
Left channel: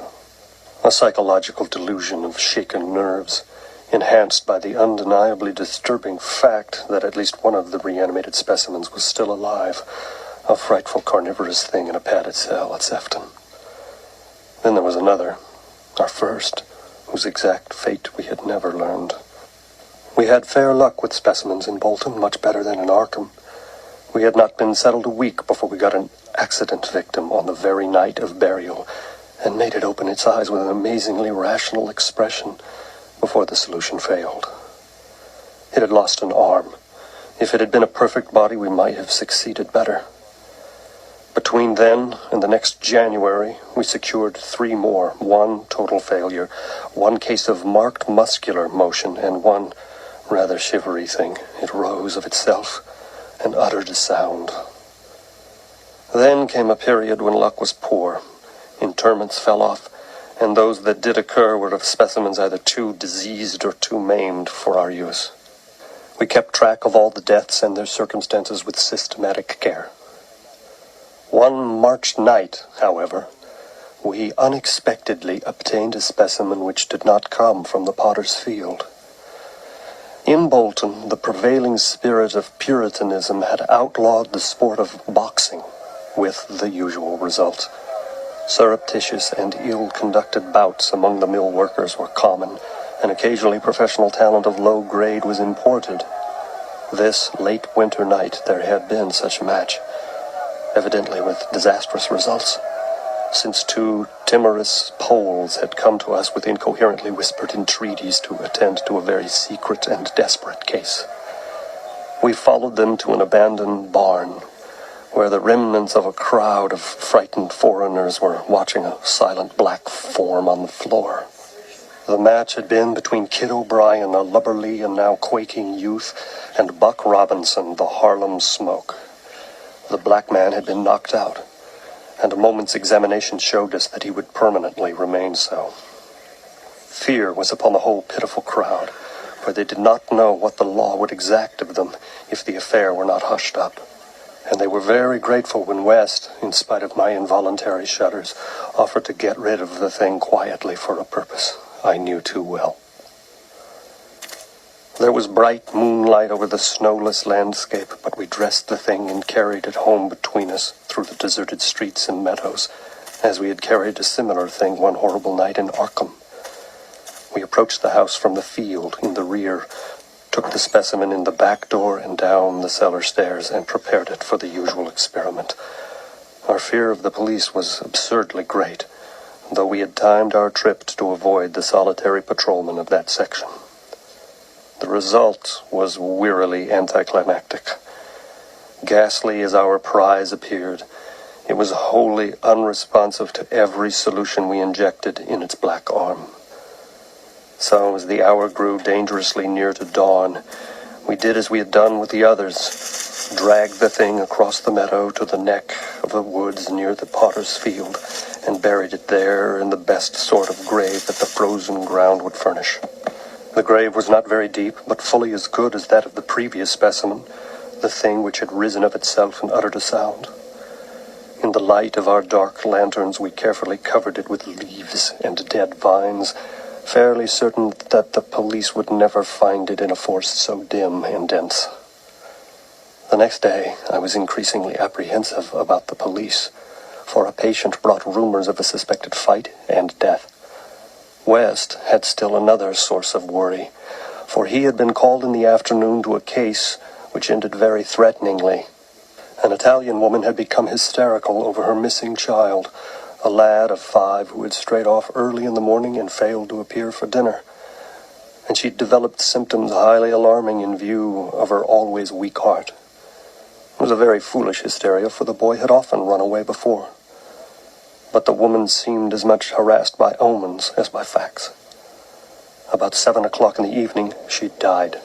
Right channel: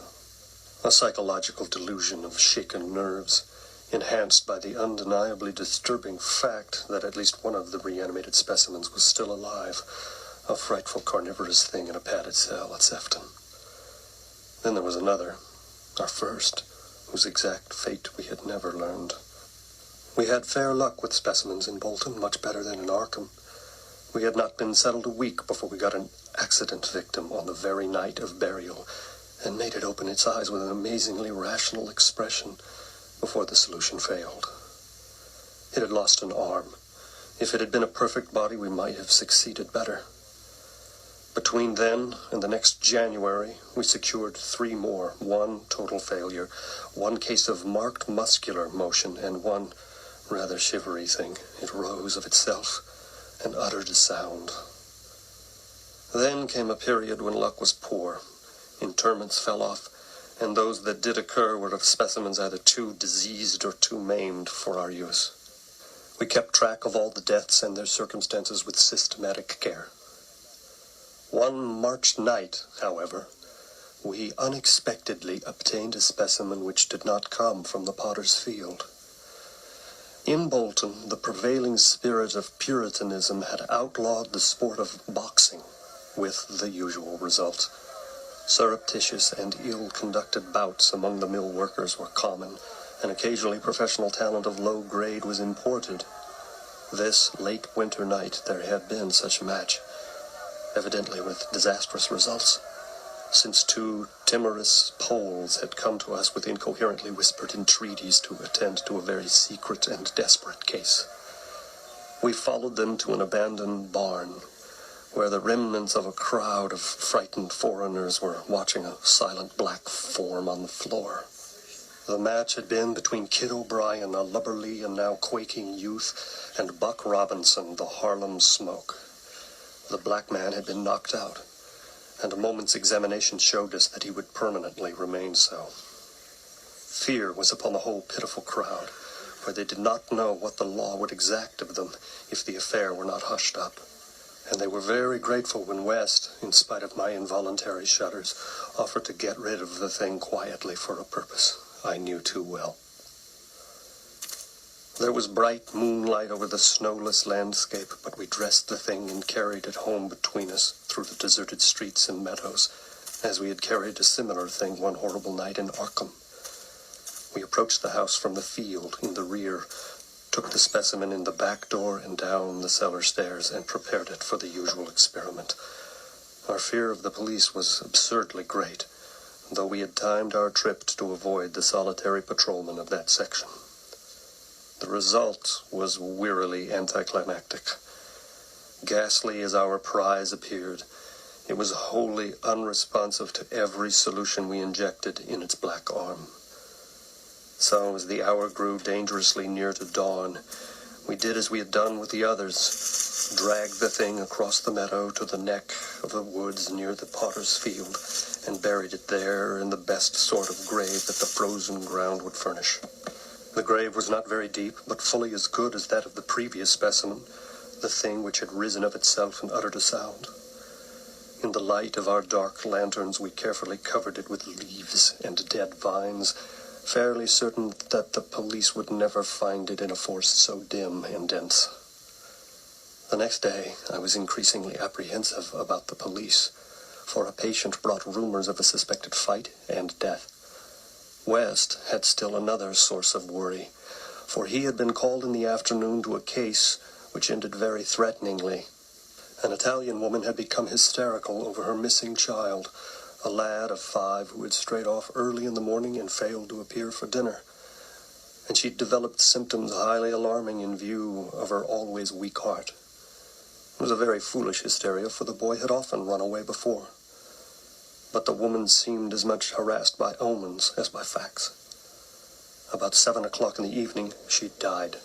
a psychological delusion of shaken nerves. enhanced by the undeniably disturbing fact that at least one of the reanimated specimens was still alive, a frightful carnivorous thing in a padded cell at Sefton. Then there was another, our first, whose exact fate we had never learned. We had fair luck with specimens in Bolton, much better than in Arkham. We had not been settled a week before we got an accident victim on the very night of burial, and made it open its eyes with an amazingly rational expression before the solution failed. It had lost an arm. If it had been a perfect body, we might have succeeded better. Between then and the next January, we secured 3 more, 1 total failure, 1 case of marked muscular motion, and 1 rather shivery thing. It rose of itself and uttered a sound. Then came a period when luck was poor. Interments fell off, and those that did occur were of specimens either too diseased or too maimed for our use. We kept track of all the deaths and their circumstances with systematic care. One March night, however, we unexpectedly obtained a specimen which did not come from the potter's field. In Bolton, the prevailing spirit of Puritanism had outlawed the sport of boxing, with the usual result. Surreptitious and ill-conducted bouts among the mill workers were common, and occasionally professional talent of low grade was imported. This late winter night there had been such a match, evidently with disastrous results, since 2 timorous Poles had come to us with incoherently whispered entreaties to attend to a very secret and desperate case. We followed them to an abandoned barn, where the remnants of a crowd of frightened foreigners were watching a silent black form on the floor. The match had been between Kid O'Brien, a lubberly and now quaking youth, and Buck Robinson, the Harlem Smoke. The black man had been knocked out, and a moment's examination showed us that he would permanently remain so. Fear was upon the whole pitiful crowd, for they did not know what the law would exact of them if the affair were not hushed up. And they were very grateful when West, in spite of my involuntary shudders, offered to get rid of the thing quietly for a purpose I knew too well. There was bright moonlight over the snowless landscape, but we dressed the thing and carried it home between us through the deserted streets and meadows, as we had carried a similar thing one horrible night in Arkham. We approached the house from the field in the rear, took the specimen in the back door and down the cellar stairs, and prepared it for the usual experiment. Our fear of the police was absurdly great, though we had timed our trip to avoid the solitary patrolman of that section. The result was wearily anticlimactic. Ghastly as our prize appeared, it was wholly unresponsive to every solution we injected in its black arm. So, as the hour grew dangerously near to dawn, we did as we had done with the others, dragged the thing across the meadow to the neck of the woods near the potter's field, and buried it there in the best sort of grave that the frozen ground would furnish. The grave was not very deep, but fully as good as that of the previous specimen, the thing which had risen of itself and uttered a sound. In the light of our dark lanterns, we carefully covered it with leaves and dead vines, fairly certain that the police would never find it in a forest so dim and dense. The next day, I was increasingly apprehensive about the police, for a patient brought rumors of a suspected fight and death. West had still another source of worry, for he had been called in the afternoon to a case which ended very threateningly. An Italian woman had become hysterical over her missing child, a lad of 5 who had strayed off early in the morning and failed to appear for dinner. And she'd developed symptoms highly alarming in view of her always weak heart. It was a very foolish hysteria, for the boy had often run away before. But the woman seemed as much harassed by omens as by facts. About 7 o'clock in the evening, she died,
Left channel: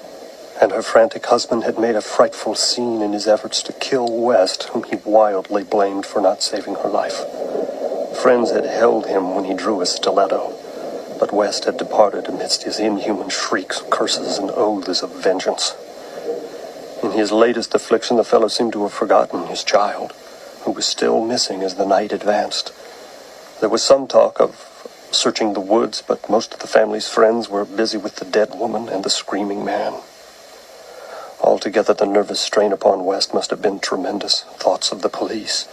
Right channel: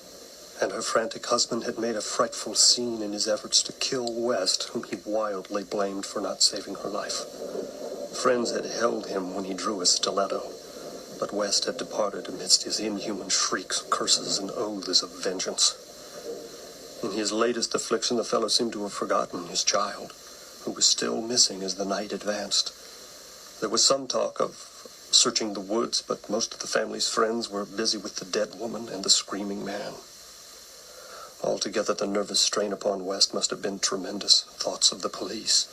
and her frantic husband had made a frightful scene in his efforts to kill West, whom he wildly blamed for not saving her life. Friends had held him when he drew his stiletto, but West had departed amidst his inhuman shrieks, curses, and oaths of vengeance. In his latest affliction, the fellow seemed to have forgotten his child, who was still missing as the night advanced. There was some talk of searching the woods, but most of the family's friends were busy with the dead woman and the screaming man. Altogether, the nervous strain upon West must have been tremendous. Thoughts of the police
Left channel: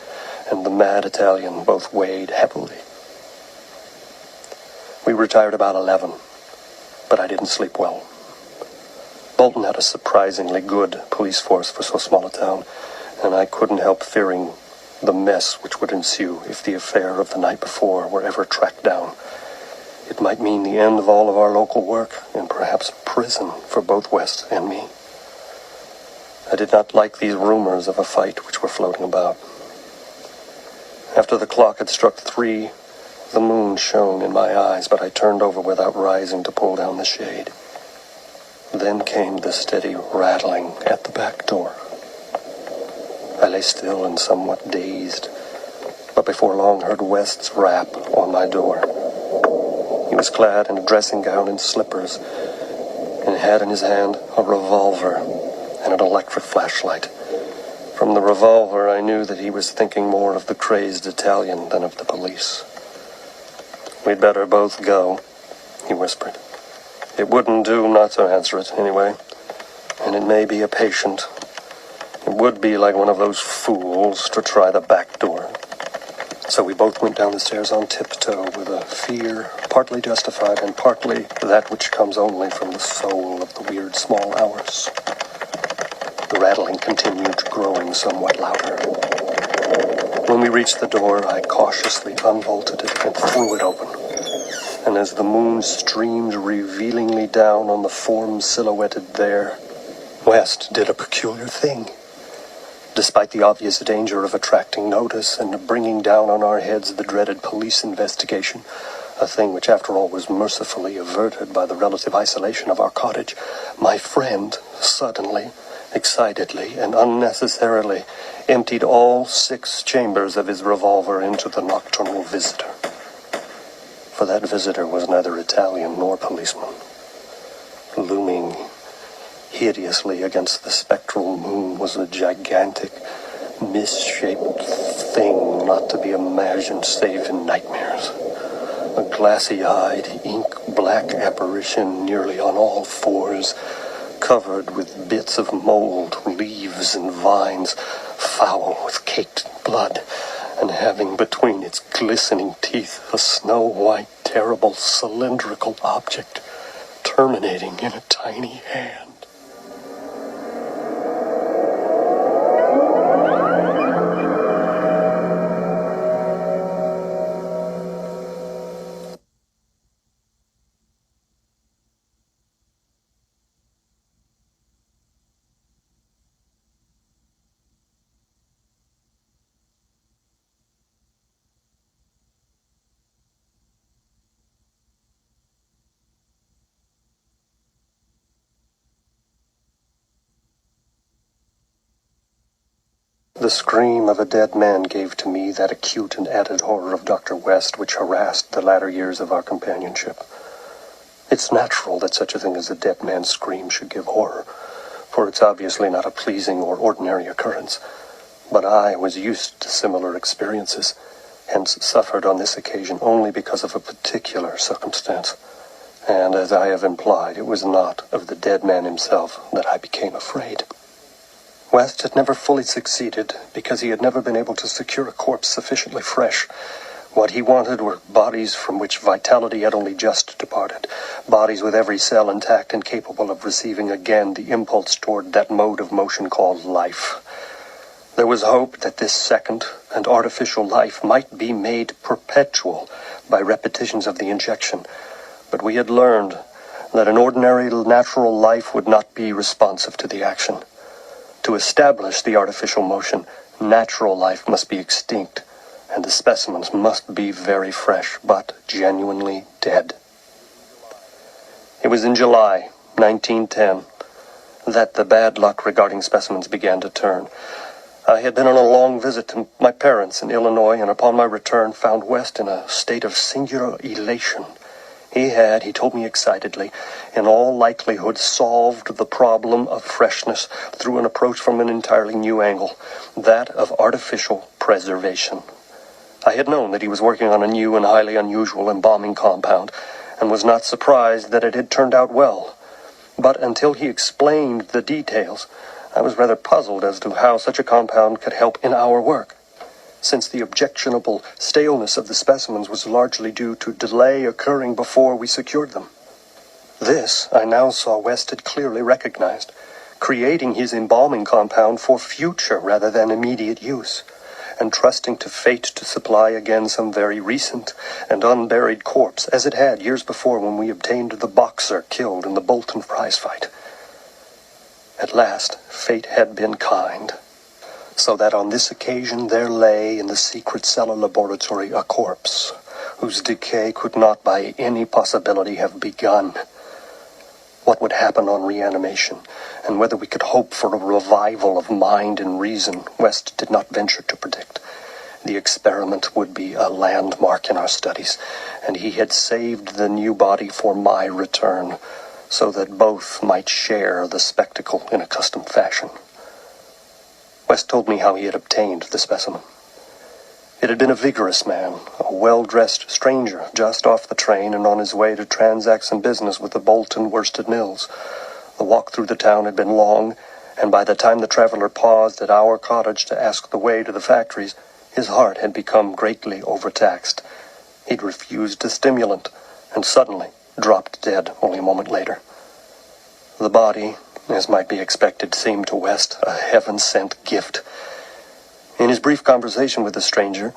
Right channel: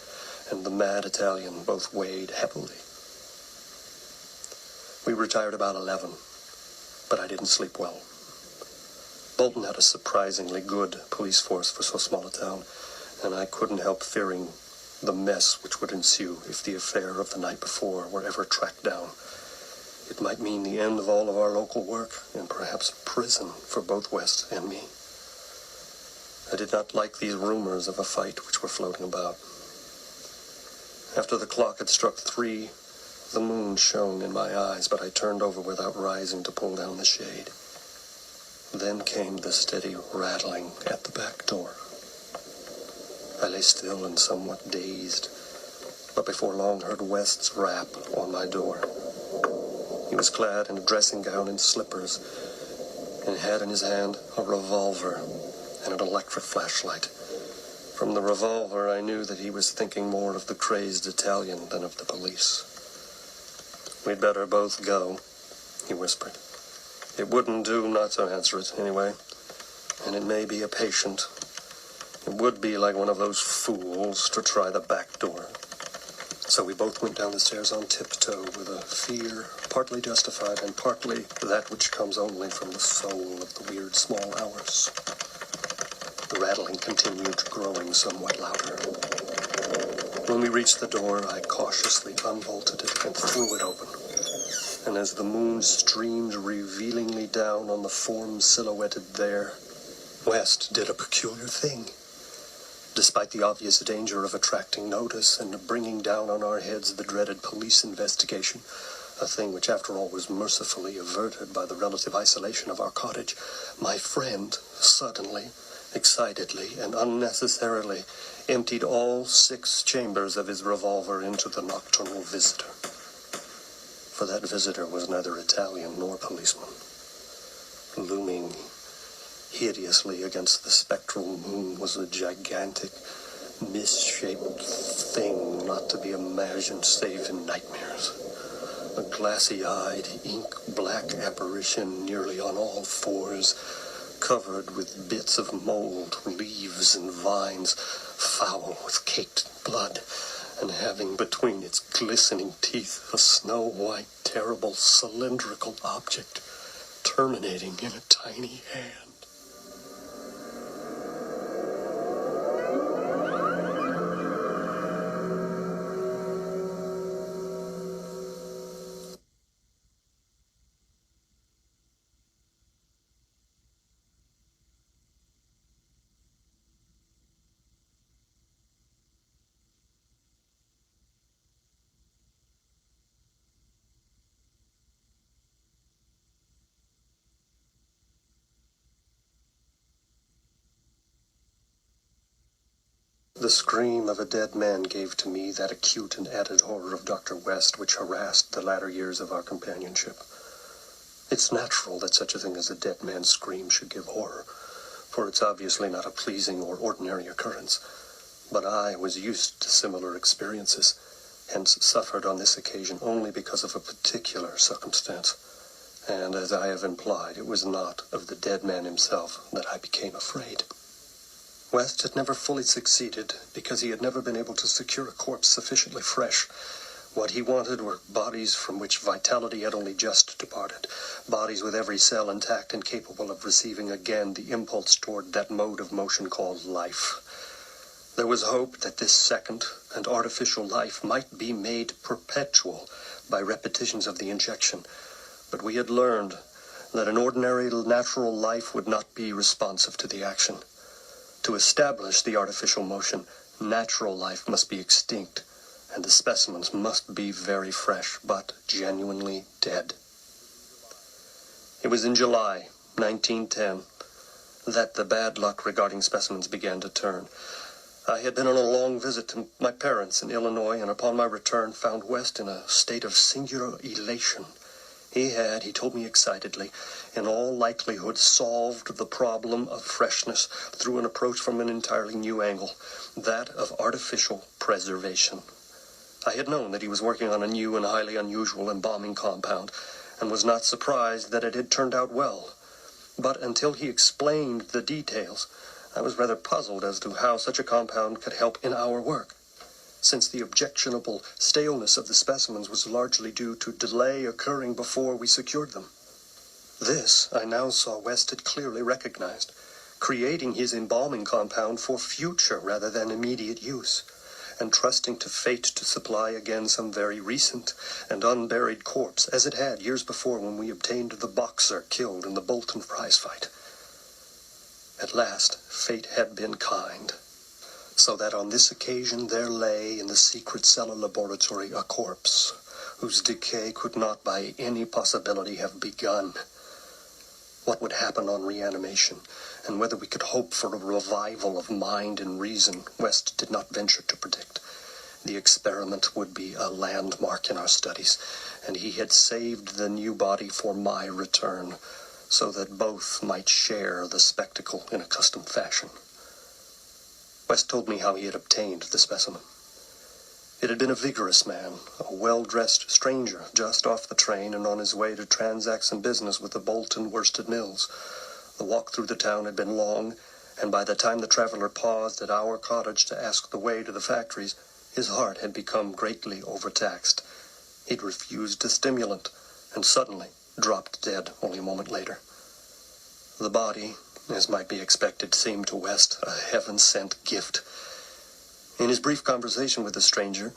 and the mad Italian both weighed heavily. We retired about 11, but I didn't sleep well. Bolton had a surprisingly good police force for so small a town, and I couldn't help fearing the mess which would ensue if the affair of the night before were ever tracked down. It might mean the end of all of our local work, and perhaps prison for both West and me. I did not like these rumors of a fight which were floating about. After the clock had struck 3, the moon shone in my eyes, but I turned over without rising to pull down the shade. Then came the steady rattling at the back door. I lay still and somewhat dazed, but before long heard West's rap on my door. He was clad in a dressing gown and slippers, and had in his hand a revolver and an electric flashlight. From the revolver, I knew that he was thinking more of the crazed Italian than of the police. "We'd better both go," he whispered. "It wouldn't do not to answer it, anyway. And it may be a patient. It would be like one of those fools to try the back door." So we both went down the stairs on tiptoe with a fear partly justified and partly that which comes only from the soul of the weird small hours. The rattling continued, growing somewhat louder. When we reached the door, I cautiously unbolted it and threw it open. And as the moon streamed revealingly down on the form silhouetted there, West did a peculiar thing. Despite the obvious danger of attracting notice and bringing down on our heads the dreaded police investigation, a thing which after all was mercifully averted by the relative isolation of our cottage, my friend suddenly, excitedly, and unnecessarily emptied all 6 chambers of his revolver into the nocturnal visitor. For that visitor was neither Italian nor policeman. Looming hideously against the spectral moon was a gigantic, misshaped thing not to be imagined save in nightmares. A glassy-eyed, ink-black apparition nearly on all 4s, covered with bits of mold, leaves, and vines, foul with caked blood, and having between its glistening teeth a snow-white, terrible, cylindrical object terminating in a tiny hand. The scream of a dead man gave to me that acute and added horror of Dr. West which harassed the latter years of our companionship. It's natural that such a thing as a dead man's scream should give horror, for it's obviously not a pleasing or ordinary occurrence. But I was used to similar experiences, hence suffered on this occasion only because of a particular circumstance. And as I have implied, it was not of the dead man himself that I became afraid. West had never fully succeeded because he had never been able to secure a corpse sufficiently fresh. What he wanted were bodies from which vitality had only just departed, bodies with every cell intact and capable of receiving again the impulse toward that mode of motion called life. There was hope that this second and artificial life might be made perpetual by repetitions of the injection, but we had learned that an ordinary natural life would not be responsive to the action. To establish the artificial motion, natural life must be extinct, and the specimens must be very fresh, but genuinely dead. It was in July 1910 that the bad luck regarding specimens began to turn. I had been on a long visit to my parents in Illinois, and upon my return found West in a state of singular elation. He told me excitedly, in all likelihood solved the problem of freshness through an approach from an entirely new angle, that of artificial preservation. I had known that he was working on a new and highly unusual embalming compound, and was not surprised that it had turned out well. But until he explained the details, I was rather puzzled as to how such a compound could help in our work, since the objectionable staleness of the specimens was largely due to delay occurring before we secured them. This, I now saw West had clearly recognized, creating his embalming compound for future rather than immediate use, and trusting to fate to supply again some very recent and unburied corpse, as it had years before when we obtained the boxer killed in the Bolton prize fight. At last, fate had been kind, so that on this occasion there lay in the secret cellar laboratory a corpse whose decay could not by any possibility have begun. What would happen on reanimation, and whether we could hope for a revival of mind and reason, West did not venture to predict. The experiment would be a landmark in our studies, and he had saved the new body for my return, so that both might share the spectacle in a custom fashion. West told me how he had obtained the specimen. It had been a vigorous man, a well-dressed stranger, just off the train and on his way to transact some business with the Bolton worsted mills. The walk through the town had been long, and by the time the traveler paused at our cottage to ask the way to the factories, his heart had become greatly overtaxed. He'd refused a stimulant, and suddenly dropped dead only a moment later. The body, as might be expected, seemed to West a heaven-sent gift. In his brief conversation with the stranger,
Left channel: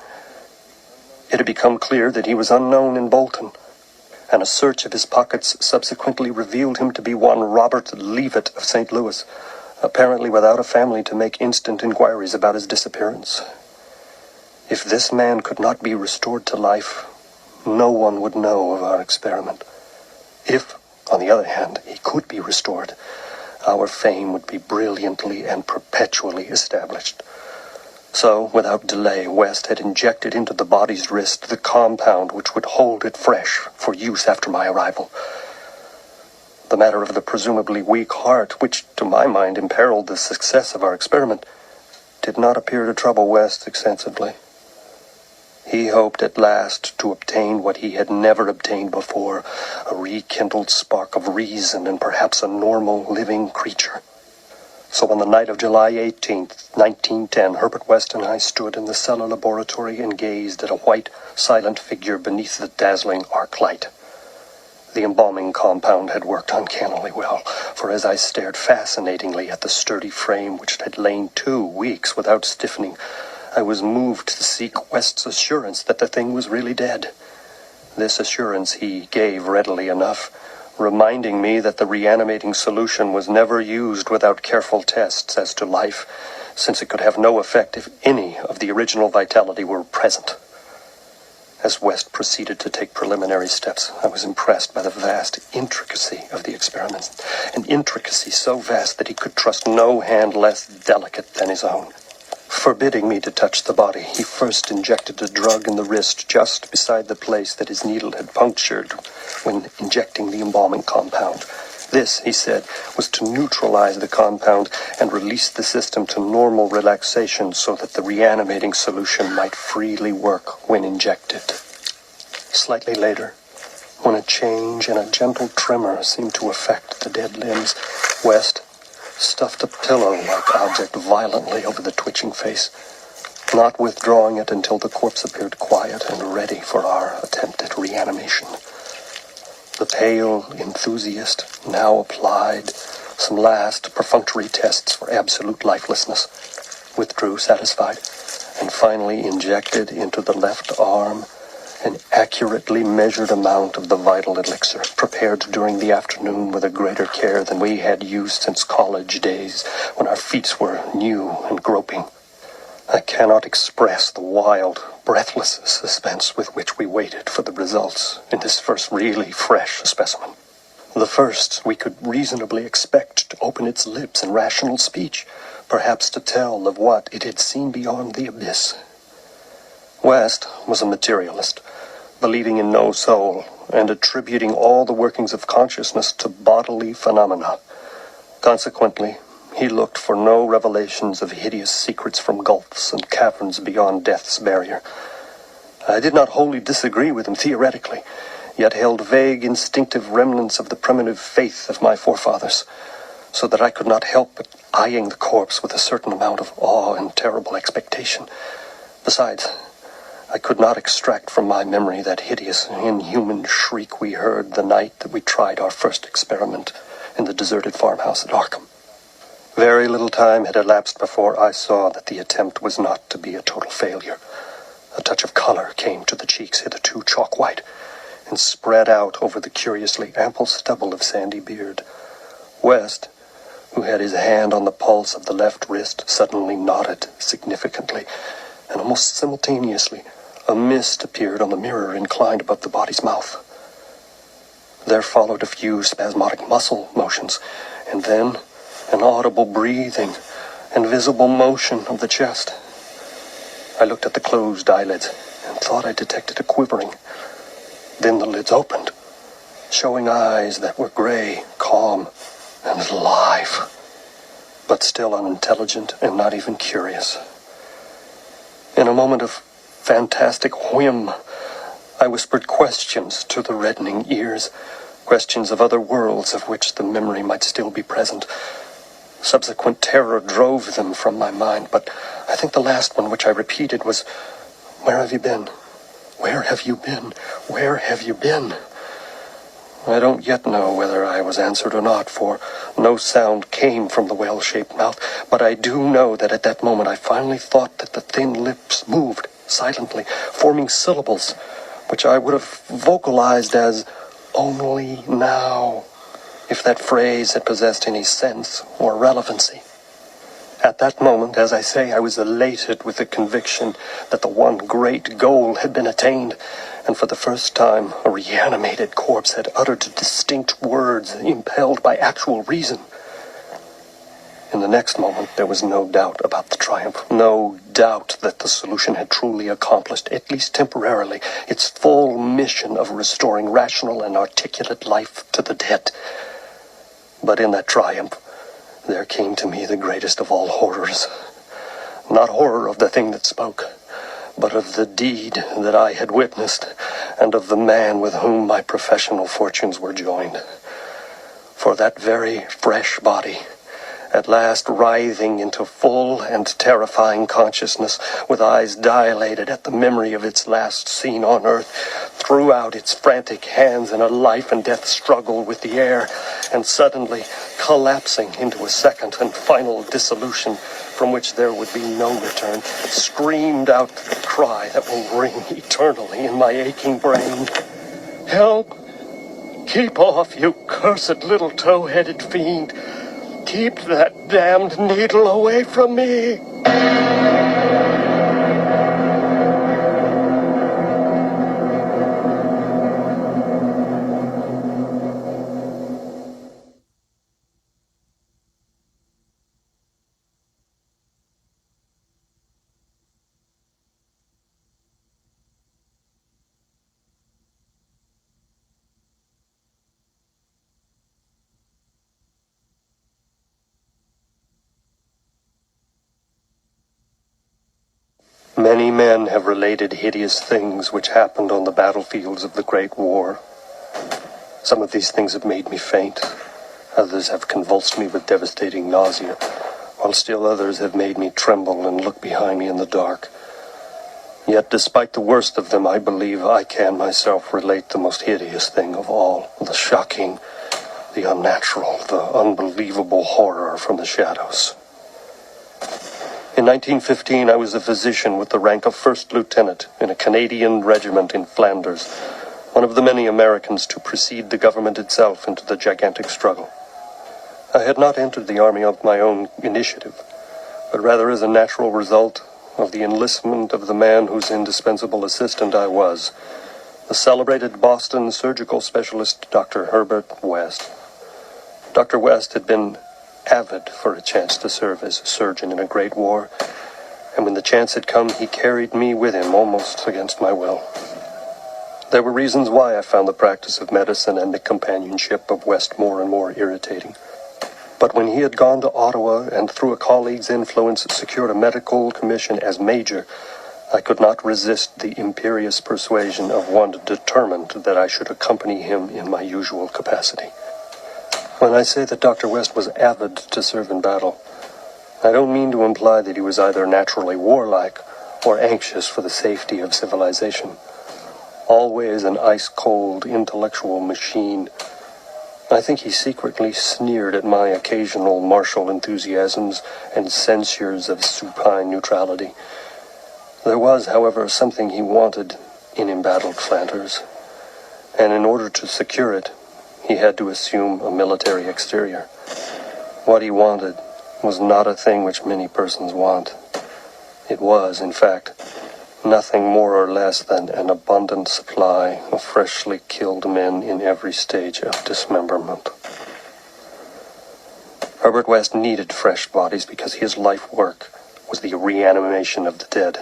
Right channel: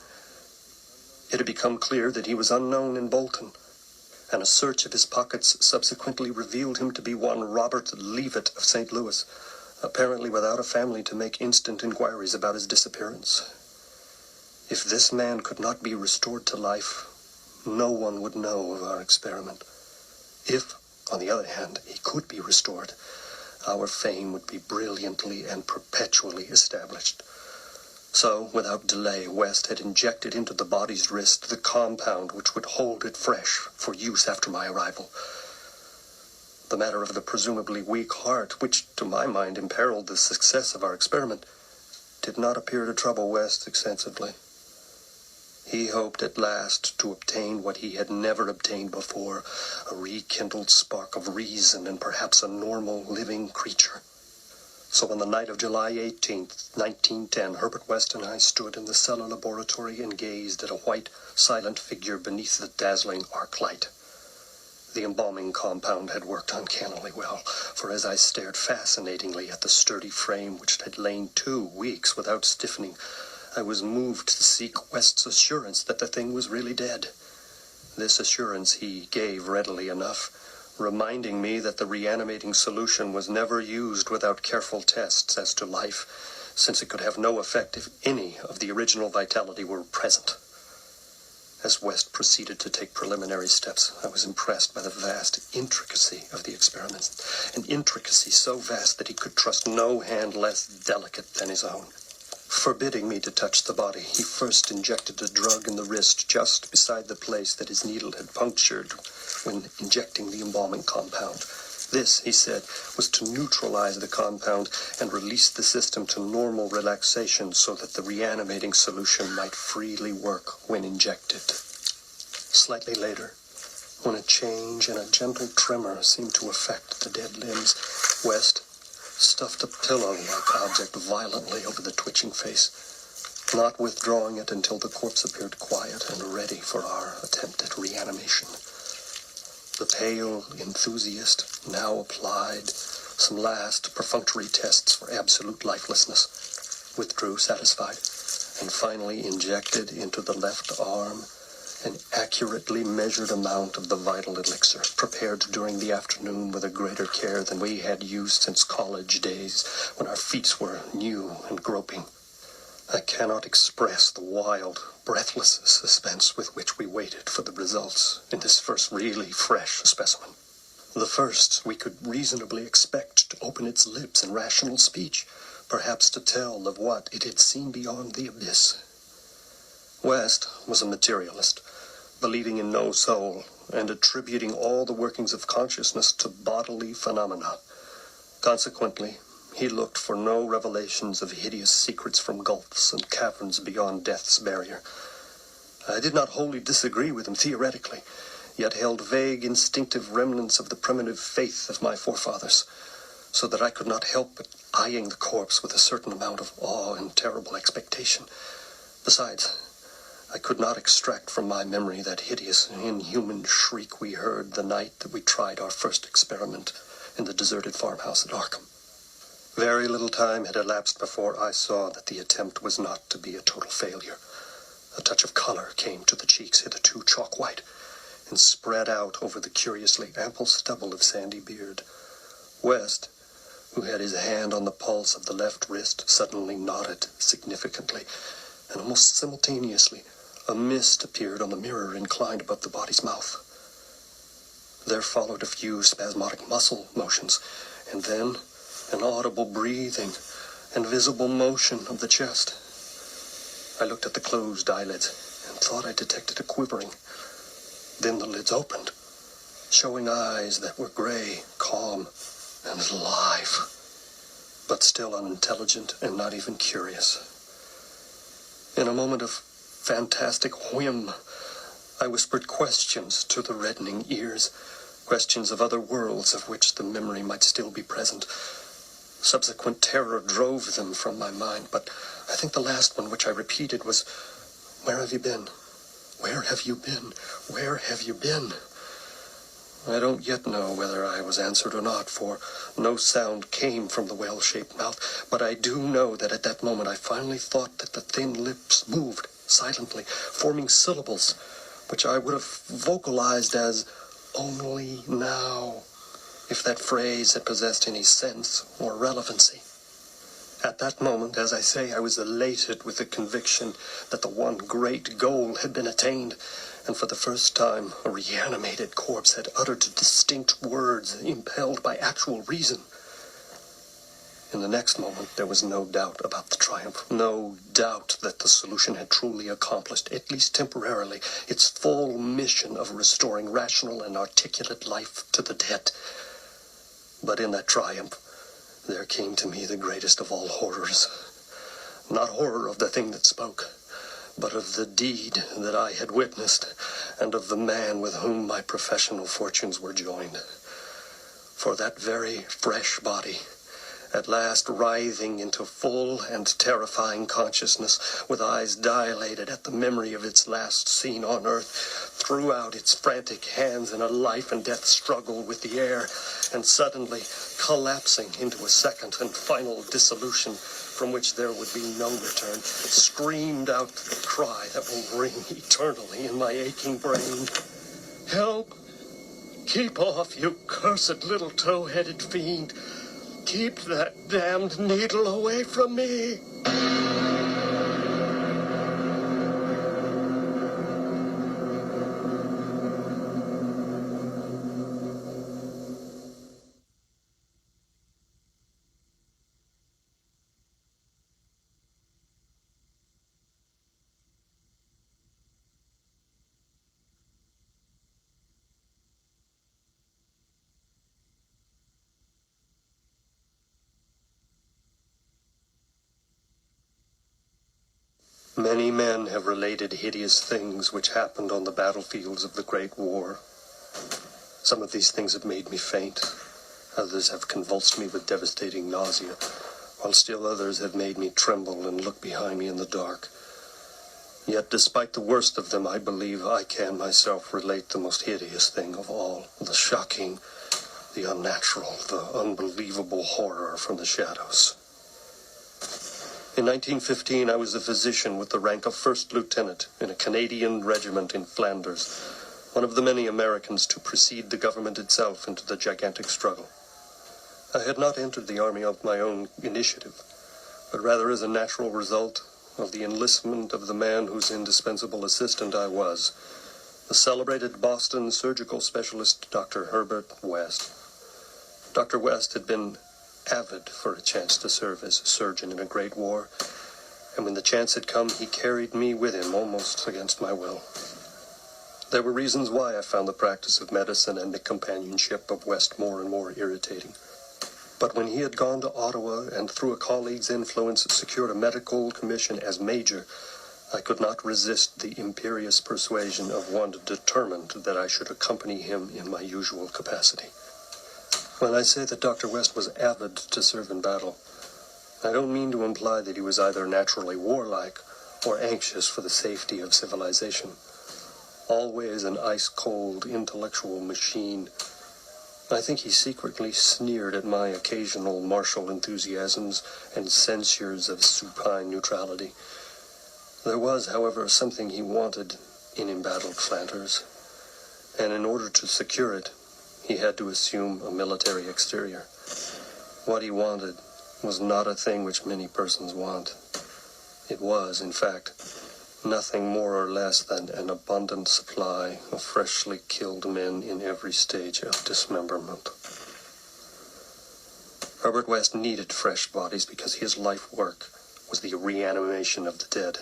it had become clear that he was unknown in Bolton, and a search of his pockets subsequently revealed him to be one Robert Leavitt of St. Louis, apparently without a family to make instant inquiries about his disappearance. If this man could not be restored to life, no one would know of our experiment. If, on the other hand, he could be restored, our fame would be brilliantly and perpetually established. So, without delay, West had injected into the body's wrist the compound which would hold it fresh for use after my arrival. The matter of the presumably weak heart, which, to my mind, imperiled the success of our experiment, did not appear to trouble West extensively. He hoped at last to obtain what he had never obtained before, a rekindled spark of reason and perhaps a normal living creature. So on the night of July 18th, 1910, Herbert West and I stood in the cellar laboratory and gazed at a white, silent figure beneath the dazzling arc light. The embalming compound had worked uncannily well, for as I stared fascinatingly at the sturdy frame which had lain 2 weeks without stiffening, I was moved to seek West's assurance that the thing was really dead. This assurance he gave readily enough, reminding me that the reanimating solution was never used without careful tests as to life, since it could have no effect if any of the original vitality were present. As West proceeded to take preliminary steps, I was impressed by the vast intricacy of the experiment, an intricacy so vast that he could trust no hand less delicate than his own. Forbidding me to touch the body, he first injected a drug in the wrist just beside the place that his needle had punctured when injecting the embalming compound. This, he said, was to neutralize the compound and release the system to normal relaxation so that the reanimating solution might freely work when injected. Slightly later, when a change and a gentle tremor seemed to affect the dead limbs, West stuffed a pillow-like object violently over the twitching face, not withdrawing it until the corpse appeared quiet and ready for our attempt at reanimation. The pale enthusiast now applied some last perfunctory tests for absolute lifelessness, withdrew satisfied, and finally injected into the left arm an accurately measured amount of the vital elixir, prepared during the afternoon with a greater care than we had used since college days, when our feet were new and groping. I cannot express the wild, breathless suspense with which we waited for the results in this first really fresh specimen. The first we could reasonably expect to open its lips in rational speech, perhaps to tell of what it had seen beyond the abyss. West was a materialist, believing in no soul and attributing all the workings of consciousness to bodily phenomena. Consequently, he looked for no revelations of hideous secrets from gulfs and caverns beyond death's barrier. I did not wholly disagree with him theoretically, yet held vague, instinctive remnants of the primitive faith of my forefathers, so that I could not help but eyeing the corpse with a certain amount of awe and terrible expectation. Besides, I could not extract from my memory that hideous, inhuman shriek we heard the night that we tried our first experiment in the deserted farmhouse at Arkham. Very little time had elapsed before I saw that the attempt was not to be a total failure. A touch of color came to the cheeks, hitherto chalk white, and spread out over the curiously ample stubble of sandy beard. West, who had his hand on the pulse of the left wrist, suddenly nodded significantly, and almost simultaneously a mist appeared on the mirror inclined above the body's mouth. There followed a few spasmodic muscle motions, and then an audible breathing and visible motion of the chest. I looked at the closed eyelids and thought I detected a quivering. Then the lids opened, showing eyes that were gray, calm, and alive, but still unintelligent and not even curious. In a moment of fantastic whim, I whispered questions to the reddening ears, questions of other worlds of which the memory might still be present. Subsequent terror drove them from my mind, but I think the last one which I repeated was, "Where have you been? Where have you been? Where have you been?" I don't yet know whether I was answered or not, for no sound came from the well-shaped mouth, but I do know that at that moment I finally thought that the thin lips moved silently, forming syllables which I would have vocalized as "only now," if that phrase had possessed any sense or relevancy. At that moment, as I say, I was elated with the conviction that the one great goal had been attained, and for the first time a reanimated corpse had uttered distinct words impelled by actual reason. In the next moment, there was no doubt about the triumph, no doubt that the solution had truly accomplished, at least temporarily, its full mission of restoring rational and articulate life to the dead. But in that triumph, there came to me the greatest of all horrors. Not horror of the thing that spoke, but of the deed that I had witnessed, and of the man with whom my professional fortunes were joined. For that very fresh body, at last writhing into full and terrifying consciousness, with eyes dilated at the memory of its last scene on earth, threw out its frantic hands in a life-and-death struggle with the air, and suddenly, collapsing into a second and final dissolution from which there would be no return, screamed out the cry that will ring eternally in my aching brain. "Help! Keep off, you cursed little tow-headed fiend! Keep that damned needle away from me!" Many men have related hideous things which happened on the battlefields of the Great War. Some of these things have made me faint. Others have convulsed me with devastating nausea, while still others have made me tremble and look behind me in the dark. Yet, despite the worst of them, I believe I can myself relate the most hideous thing of all, the shocking, the unnatural, the unbelievable horror from the shadows. In 1915, I was a physician with the rank of first lieutenant in a Canadian regiment in Flanders, one of the many Americans to precede the government itself into the gigantic struggle. I had not entered the army of my own initiative, but rather as a natural result of the enlistment of the man whose indispensable assistant I was, the celebrated Boston surgical specialist, Dr. Herbert West. Dr. West had been avid for a chance to serve as surgeon in a great war, and when the chance had come, he carried me with him almost against my will. There were reasons why I found the practice of medicine and the companionship of West more and more irritating. But when he had gone to Ottawa and through a colleague's influence secured a medical commission as major, I could not resist the imperious persuasion of one determined that I should accompany him in my usual capacity. When I say that Dr. West was avid to serve in battle, I don't mean to imply that he was either naturally warlike or anxious for the safety of civilization. Always an ice-cold intellectual machine, I think he secretly sneered at my occasional martial enthusiasms and censures of supine neutrality. There was, however, something he wanted in embattled Flanders, and in order to secure it, he had to assume a military exterior. What he wanted was not a thing which many persons want. It was, in fact, nothing more or less than an abundant supply of freshly killed men in every stage of dismemberment. Herbert West needed fresh bodies because his life work was the reanimation of the dead.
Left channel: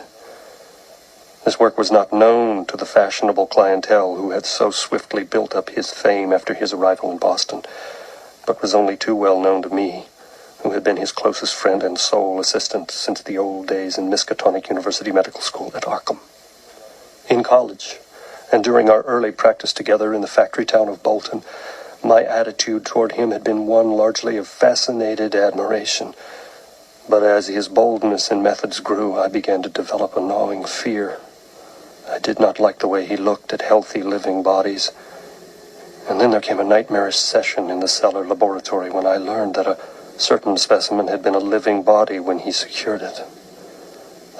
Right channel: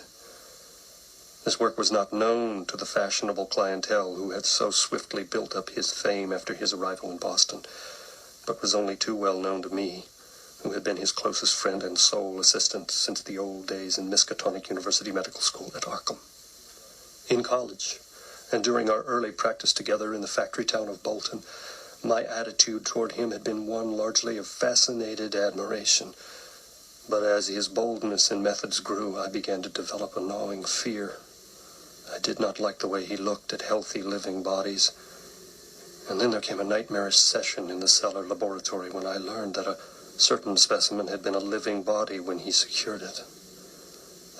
This work was not known to the fashionable clientele who had so swiftly built up his fame after his arrival in Boston, but was only too well known to me, who had been his closest friend and sole assistant since the old days in Miskatonic University Medical School at Arkham. In college, and during our early practice together in the factory town of Bolton, my attitude toward him had been one largely of fascinated admiration. But as his boldness and methods grew, I began to develop a gnawing fear. I did not like the way he looked at healthy living bodies. And then there came a nightmarish session in the cellar laboratory when I learned that a certain specimen had been a living body when he secured it.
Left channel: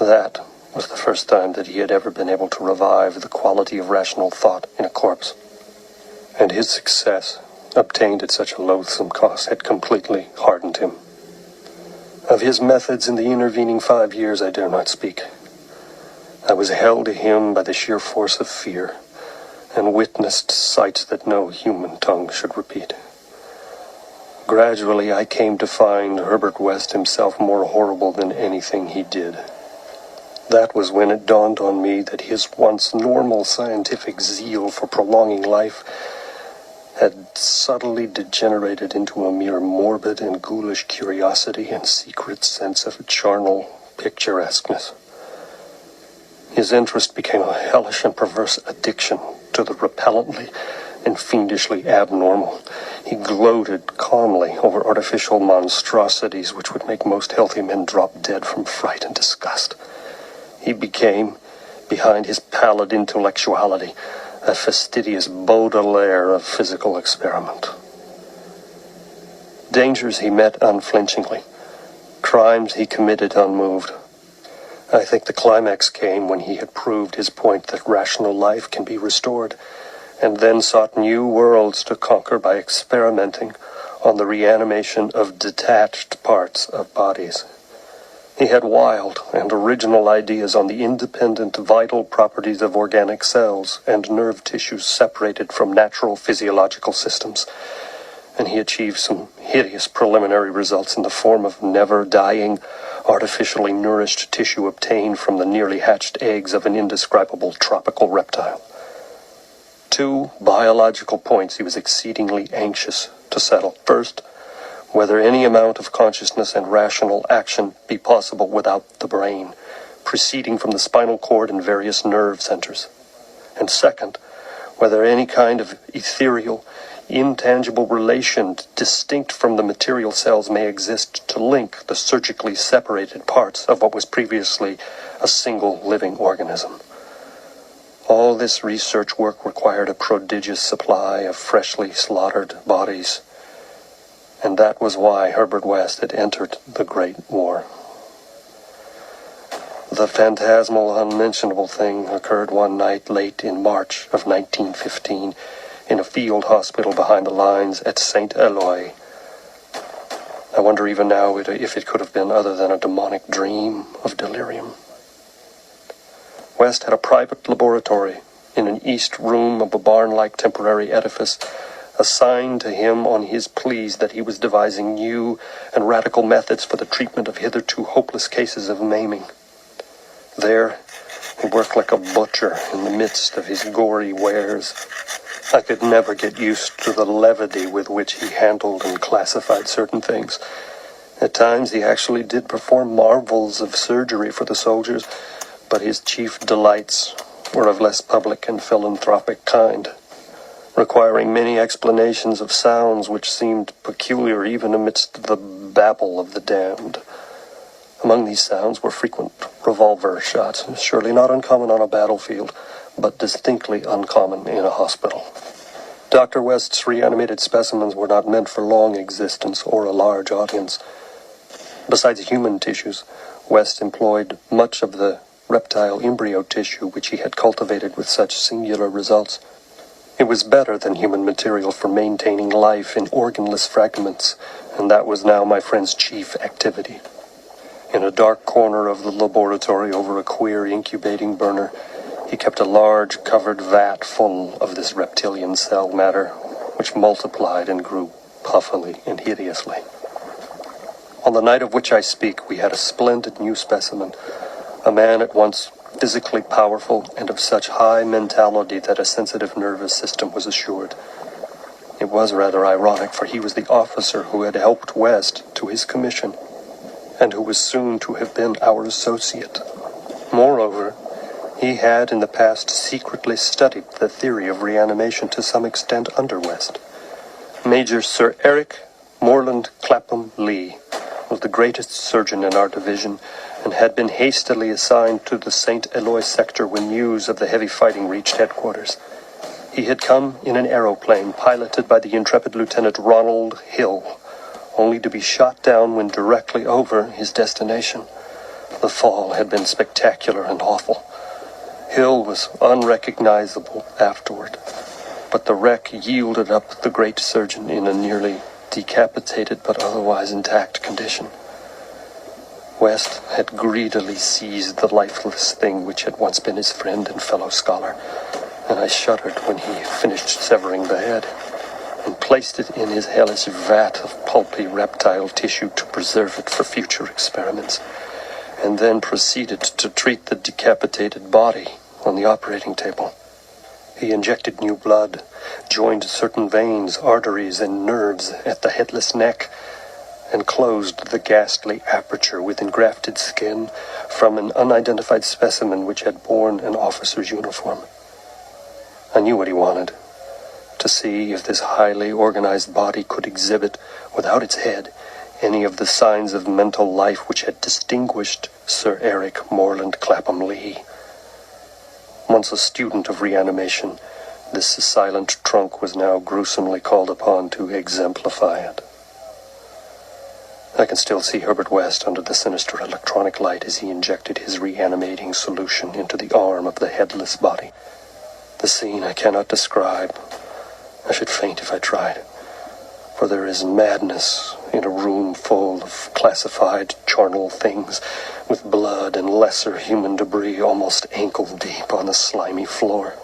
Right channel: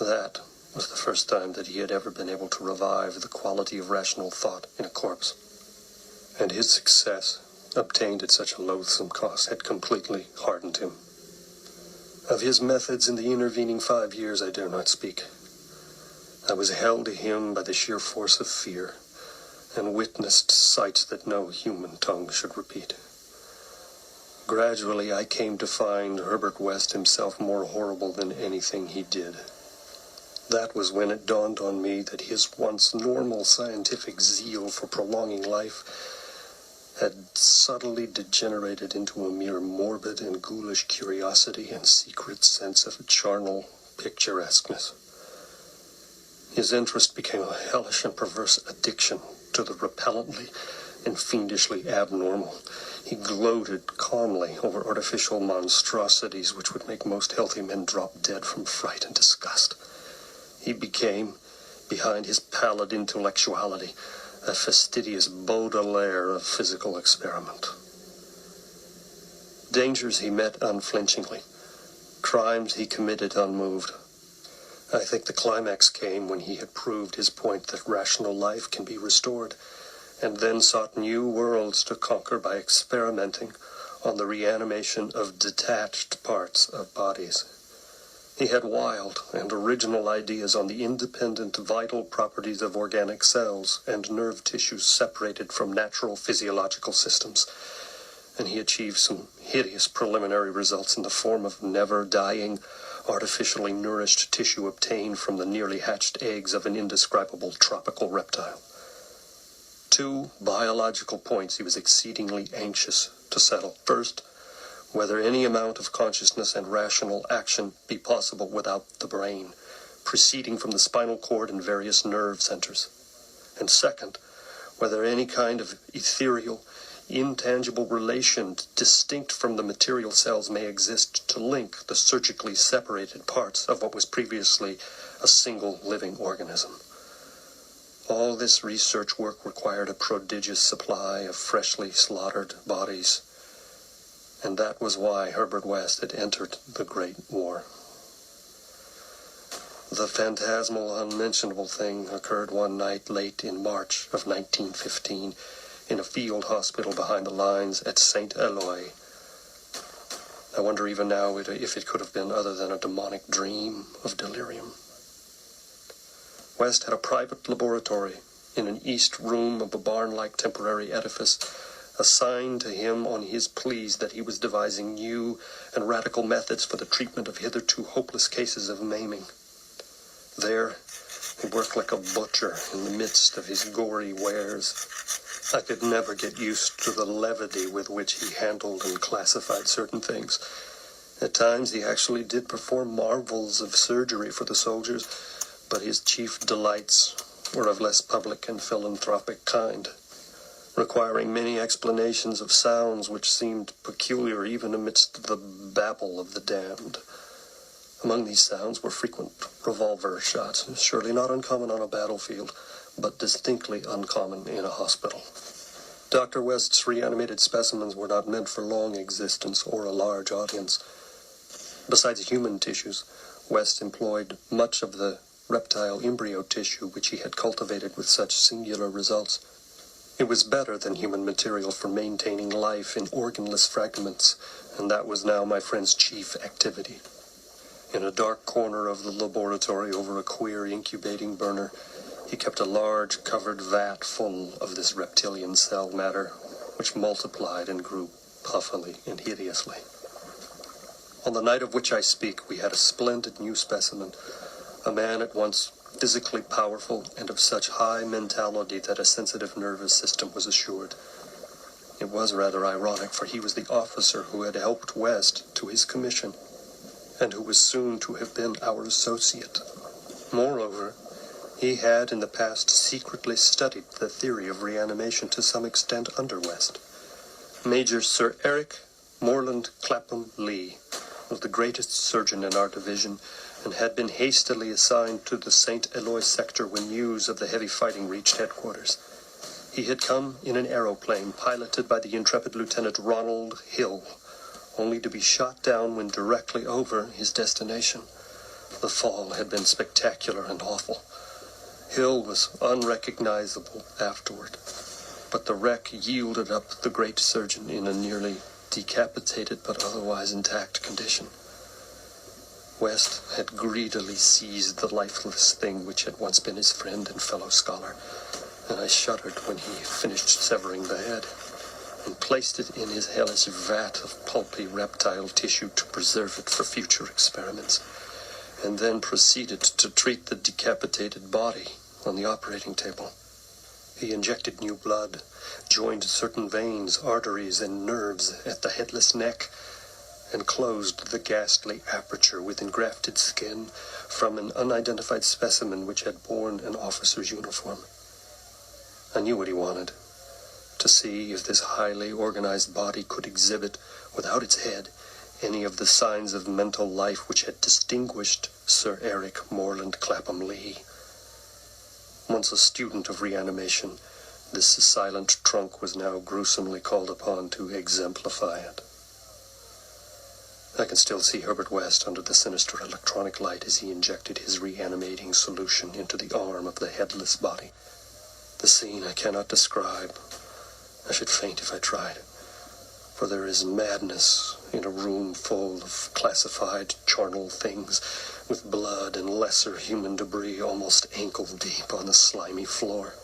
That was the first time that he had ever been able to revive the quality of rational thought in a corpse. And his success, obtained at such a loathsome cost, had completely hardened him. Of his methods in the intervening 5 years I dare not speak. I was held to him by the sheer force of fear, and witnessed sights that no human tongue should repeat. Gradually, I came to find Herbert West himself more horrible than anything he did. That was when it dawned on me that his once normal scientific zeal for prolonging life had subtly degenerated into a mere morbid and ghoulish curiosity and secret sense of charnel picturesqueness. His interest became a hellish and perverse addiction to the repellently and fiendishly abnormal. He gloated calmly over artificial monstrosities which would make most healthy men drop dead from fright and disgust. He became, behind his pallid intellectuality, a fastidious Baudelaire of physical experiment. Dangers he met unflinchingly. Crimes he committed unmoved. I think the climax came when he had proved his point that rational life can be restored, and then sought new worlds to conquer by experimenting on the reanimation of detached parts of bodies. He had wild and original ideas on the independent vital properties of organic cells and nerve tissues separated from natural physiological systems, and he achieved some hideous preliminary results in the form of never-dying, artificially nourished tissue obtained from the nearly hatched eggs of an indescribable tropical reptile. 2 biological points he was exceedingly anxious to settle. First, whether any amount of consciousness and rational action be possible without the brain, proceeding from the spinal cord and various nerve centers. And second, whether any kind of ethereal, intangible relation distinct from the material cells may exist to link the surgically separated parts of what was previously a single living organism. All this research work required a prodigious supply of freshly slaughtered bodies, and that was why Herbert West had entered the Great War. The phantasmal, unmentionable thing occurred one night late in March of 1915 in a field hospital behind the lines at St. Eloi. I wonder even now if it could have been other than a demonic dream of delirium. West had a private laboratory in an east room of a barn-like temporary edifice assigned to him on his pleas that he was devising new and radical methods for the treatment of hitherto hopeless cases of maiming. There, he worked like a butcher in the midst of his gory wares. I could never get used to the levity with which he handled and classified certain things. At times, he actually did perform marvels of surgery for the soldiers, but his chief delights were of less public and philanthropic kind, requiring many explanations of sounds which seemed peculiar even amidst the babble of the damned. Among these sounds were frequent revolver shots, surely not uncommon on a battlefield, but distinctly uncommon in a hospital. Dr. West's reanimated specimens were not meant for long existence or a large audience. Besides human tissues, West employed much of the reptile embryo tissue which he had cultivated with such singular results. It was better than human material for maintaining life in organless fragments, and that was now my friend's chief activity. In a dark corner of the laboratory over a queer incubating burner, he kept a large covered vat full of this reptilian cell matter, which multiplied and grew puffily and hideously. On the night of which I speak, we had a splendid new specimen, a man at once physically powerful and of such high mentality that a sensitive nervous system was assured. It was rather ironic, for he was the officer who had helped West to his commission, and who was soon to have been our associate. Moreover, he had in the past secretly studied the theory of reanimation to some extent under West. Major Sir Eric Moreland Clapham Lee was the greatest surgeon in our division, and had been hastily assigned to the St. Eloi sector when news of the heavy fighting reached headquarters. He had come in an aeroplane piloted by the intrepid Lieutenant Ronald Hill, only to be shot down when directly over his destination. The fall had been spectacular and awful. Hill was unrecognizable afterward, but the wreck yielded up the great surgeon in a nearly decapitated but otherwise intact condition. West had greedily seized the lifeless thing which had once been his friend and fellow scholar, and I shuddered when he finished severing the head, and placed it in his hellish vat of pulpy reptile tissue to preserve it for future experiments, and then proceeded to treat the decapitated body on the operating table. He injected new blood, joined certain veins, arteries, and nerves at the headless neck, and closed the ghastly aperture with engrafted skin from an unidentified specimen which had borne an officer's uniform. I knew what he wanted: to see if this highly organized body could exhibit, without its head, any of the signs of mental life which had distinguished Sir Eric Moreland Clapham Lee. Once a student of reanimation, this silent trunk was now gruesomely called upon to exemplify it. I can still see Herbert West under the sinister electronic light as he injected his reanimating solution into the arm of the headless body. The scene I cannot describe. I should faint if I tried, for there is madness in a room full of classified charnel things, with blood and lesser human debris almost ankle-deep on the slimy floor,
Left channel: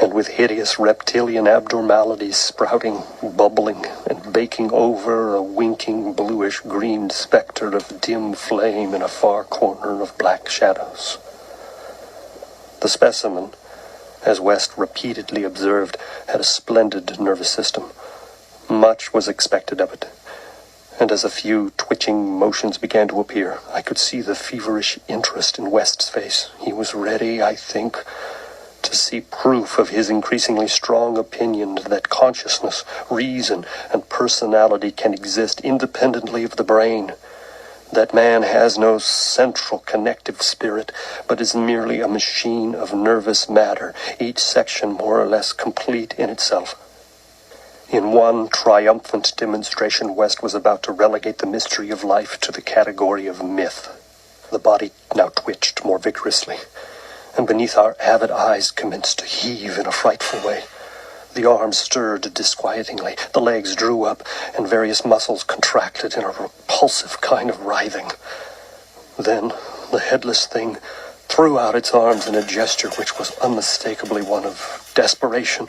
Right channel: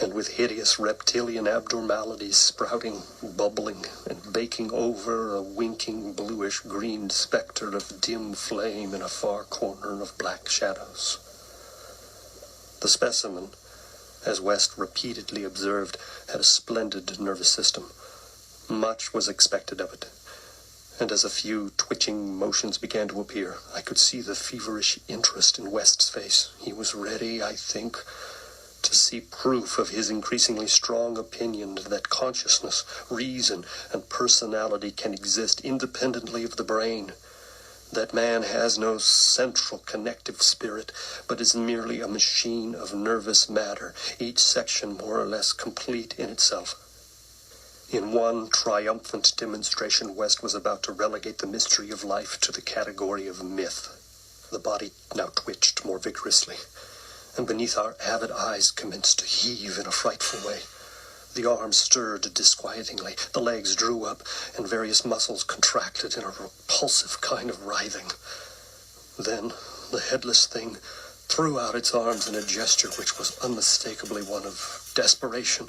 and with hideous reptilian abnormalities sprouting, bubbling, and baking over a winking bluish-green specter of dim flame in a far corner of black shadows. The specimen, as West repeatedly observed, had a splendid nervous system. Much was expected of it, and as a few twitching motions began to appear, I could see the feverish interest in West's face. He was ready, I think, to see proof of his increasingly strong opinion that consciousness, reason, and personality can exist independently of the brain, that man has no central connective spirit, but is merely a machine of nervous matter, each section more or less complete in itself. In one triumphant demonstration, West was about to relegate the mystery of life to the category of myth. The body now twitched more vigorously, and beneath our avid eyes commenced to heave in a frightful way. The arms stirred disquietingly, the legs drew up, and various muscles contracted in a repulsive kind of writhing. Then the headless thing threw out its arms in a gesture which was unmistakably one of desperation,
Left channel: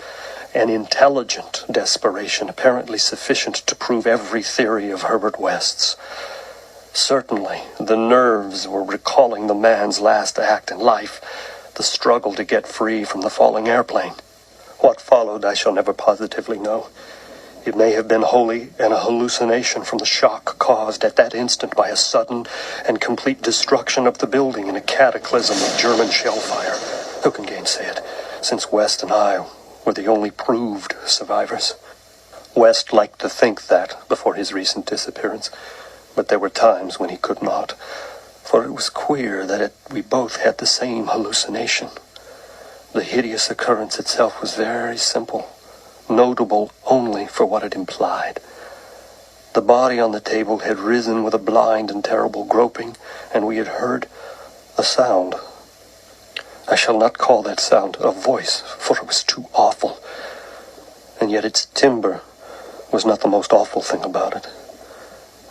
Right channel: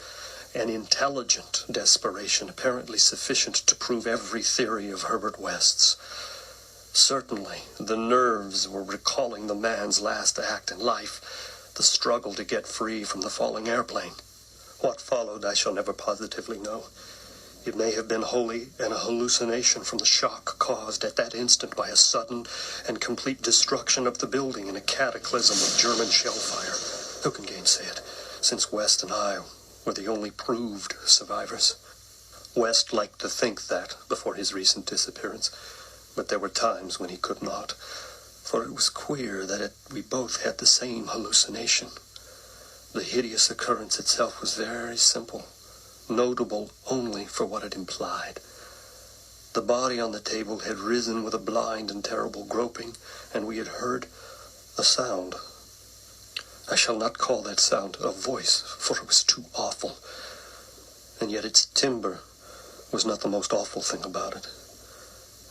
an intelligent desperation, apparently sufficient to prove every theory of Herbert West's. Certainly, the nerves were recalling the man's last act in life, the struggle to get free from the falling airplane. What followed I shall never positively know. It may have been wholly an hallucination from the shock caused at that instant by a sudden and complete destruction of the building in a cataclysm of German shell fire. Who can gainsay it, since West and I were the only proved survivors? West liked to think that before his recent disappearance, but there were times when he could not, for it was queer that we both had the same hallucination. The hideous occurrence itself was very simple, notable only for what it implied. The body on the table had risen with a blind and terrible groping, and we had heard a sound. I shall not call that sound a voice, for it was too awful. And yet its timbre was not the most awful thing about it.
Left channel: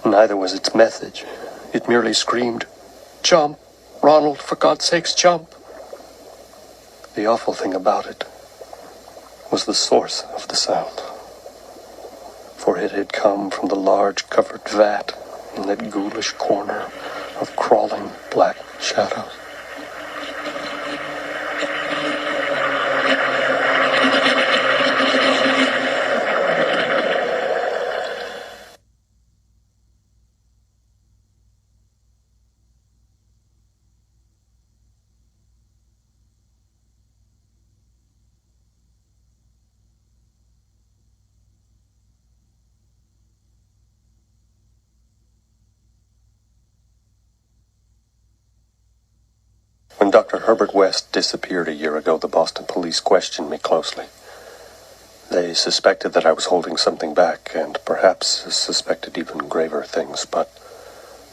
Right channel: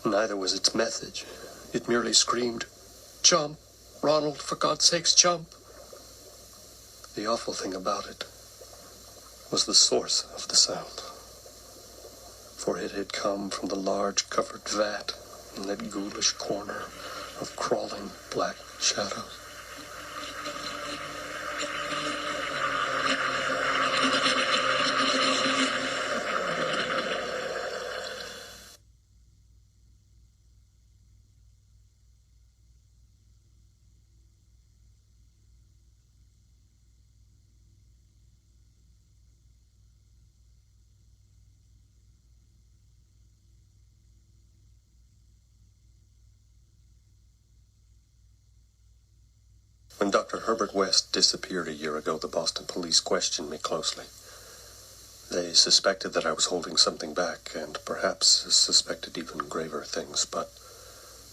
Neither was its message. It merely screamed, "Jump, Ronald, for God's sakes, jump." The awful thing about it was the source of the sound, for it had come from the large covered vat in that ghoulish corner of crawling black shadows. When Dr. Herbert West disappeared a year ago, the Boston police questioned me closely. They suspected that I was holding something back, and perhaps suspected even graver things, but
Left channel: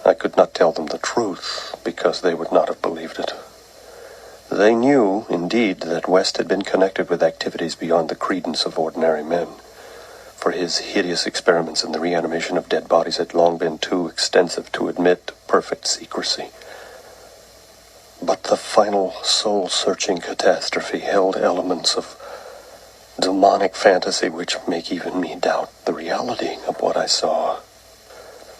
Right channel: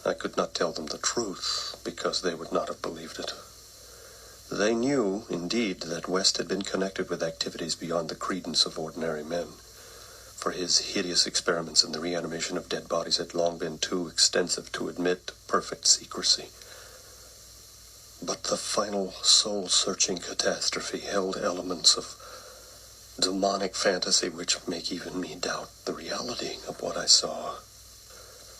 I could not tell them the truth, because they would not have believed it. They knew, indeed, that West had been connected with activities beyond the credence of ordinary men, for his hideous experiments in the reanimation of dead bodies had long been too extensive to admit perfect secrecy. But the final soul-searching catastrophe held elements of demonic fantasy which make even me doubt the reality of what I saw.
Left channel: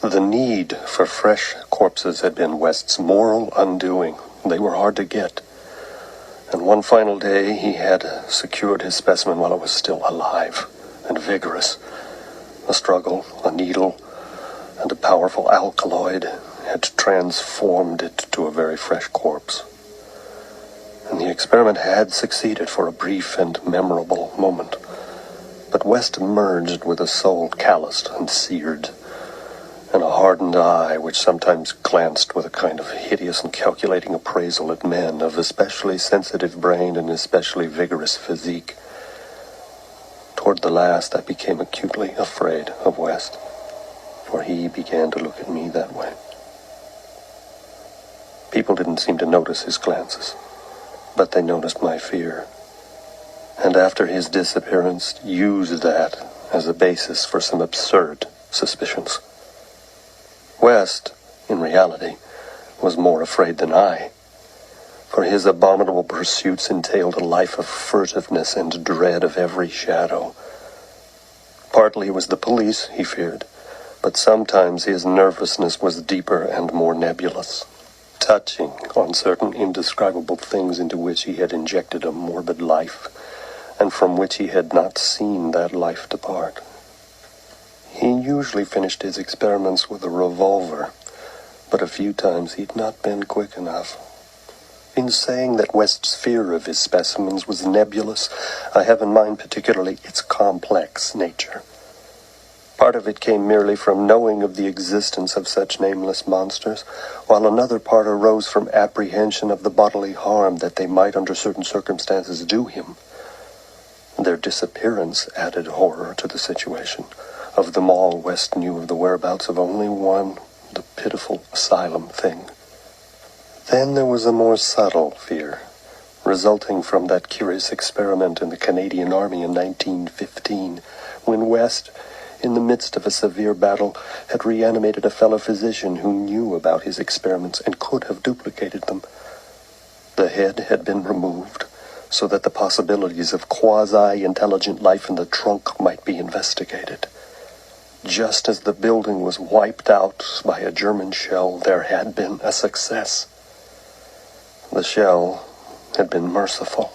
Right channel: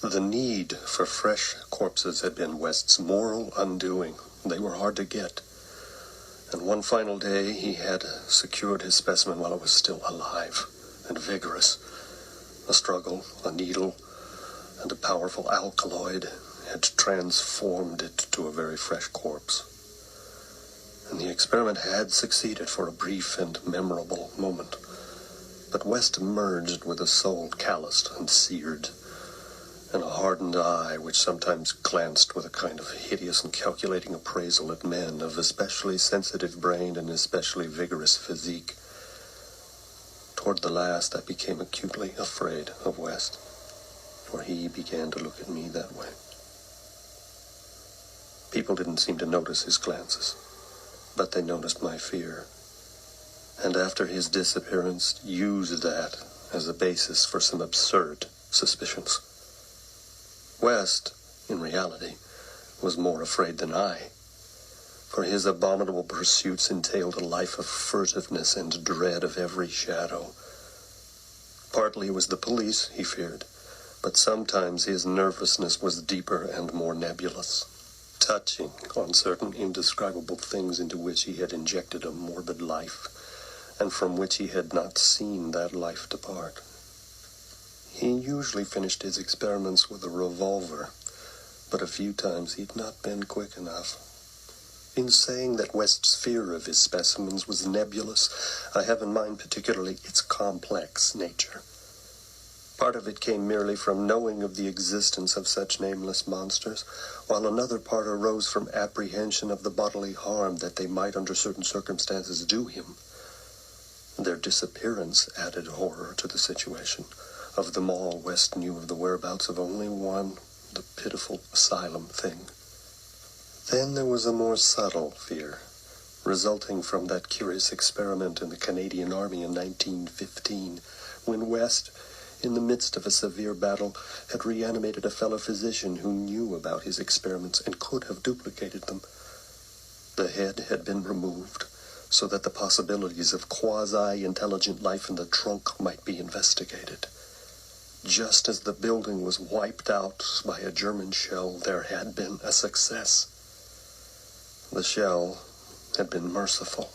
The need for fresh corpses had been West's moral undoing. They were hard to get. And one final day he had secured his specimen while it was still alive and vigorous. A struggle, a needle, and a powerful alkaloid had transformed it to a very fresh corpse. And the experiment had succeeded for a brief and memorable moment. But West emerged with a soul calloused and seared, and a hardened eye which sometimes glanced with a kind of hideous and calculating appraisal at men of especially sensitive brain and especially vigorous physique. Toward the last, I became acutely afraid of West, for he began to look at me that way. People didn't seem to notice his glances, but they noticed my fear, and after his disappearance used that as a basis for some absurd suspicions. West, in reality, was more afraid than I, for his abominable pursuits entailed a life of furtiveness and dread of every shadow. Partly it was the police he feared, but sometimes his nervousness was deeper and more nebulous, touching on certain indescribable things into which he had injected a morbid life, and from which he had not seen that life depart. He usually finished his experiments with a revolver, but a few times he'd not been quick enough. In saying that West's fear of his specimens was nebulous, I have in mind particularly its complex nature. Part of it came merely from knowing of the existence of such nameless monsters, while another part arose from apprehension of the bodily harm that they might under certain circumstances do him. Their disappearance added horror to the situation. Of them all, West knew of the whereabouts of only one, the pitiful asylum thing. Then there was a more subtle fear, resulting from that curious experiment in the Canadian Army in 1915, when West, in the midst of a severe battle, had reanimated a fellow physician who knew about his experiments and could have duplicated them. The head had been removed so that the possibilities of quasi-intelligent life in the trunk might be investigated. Just as the building was wiped out by a German shell, there had been a success. The shell had been merciful,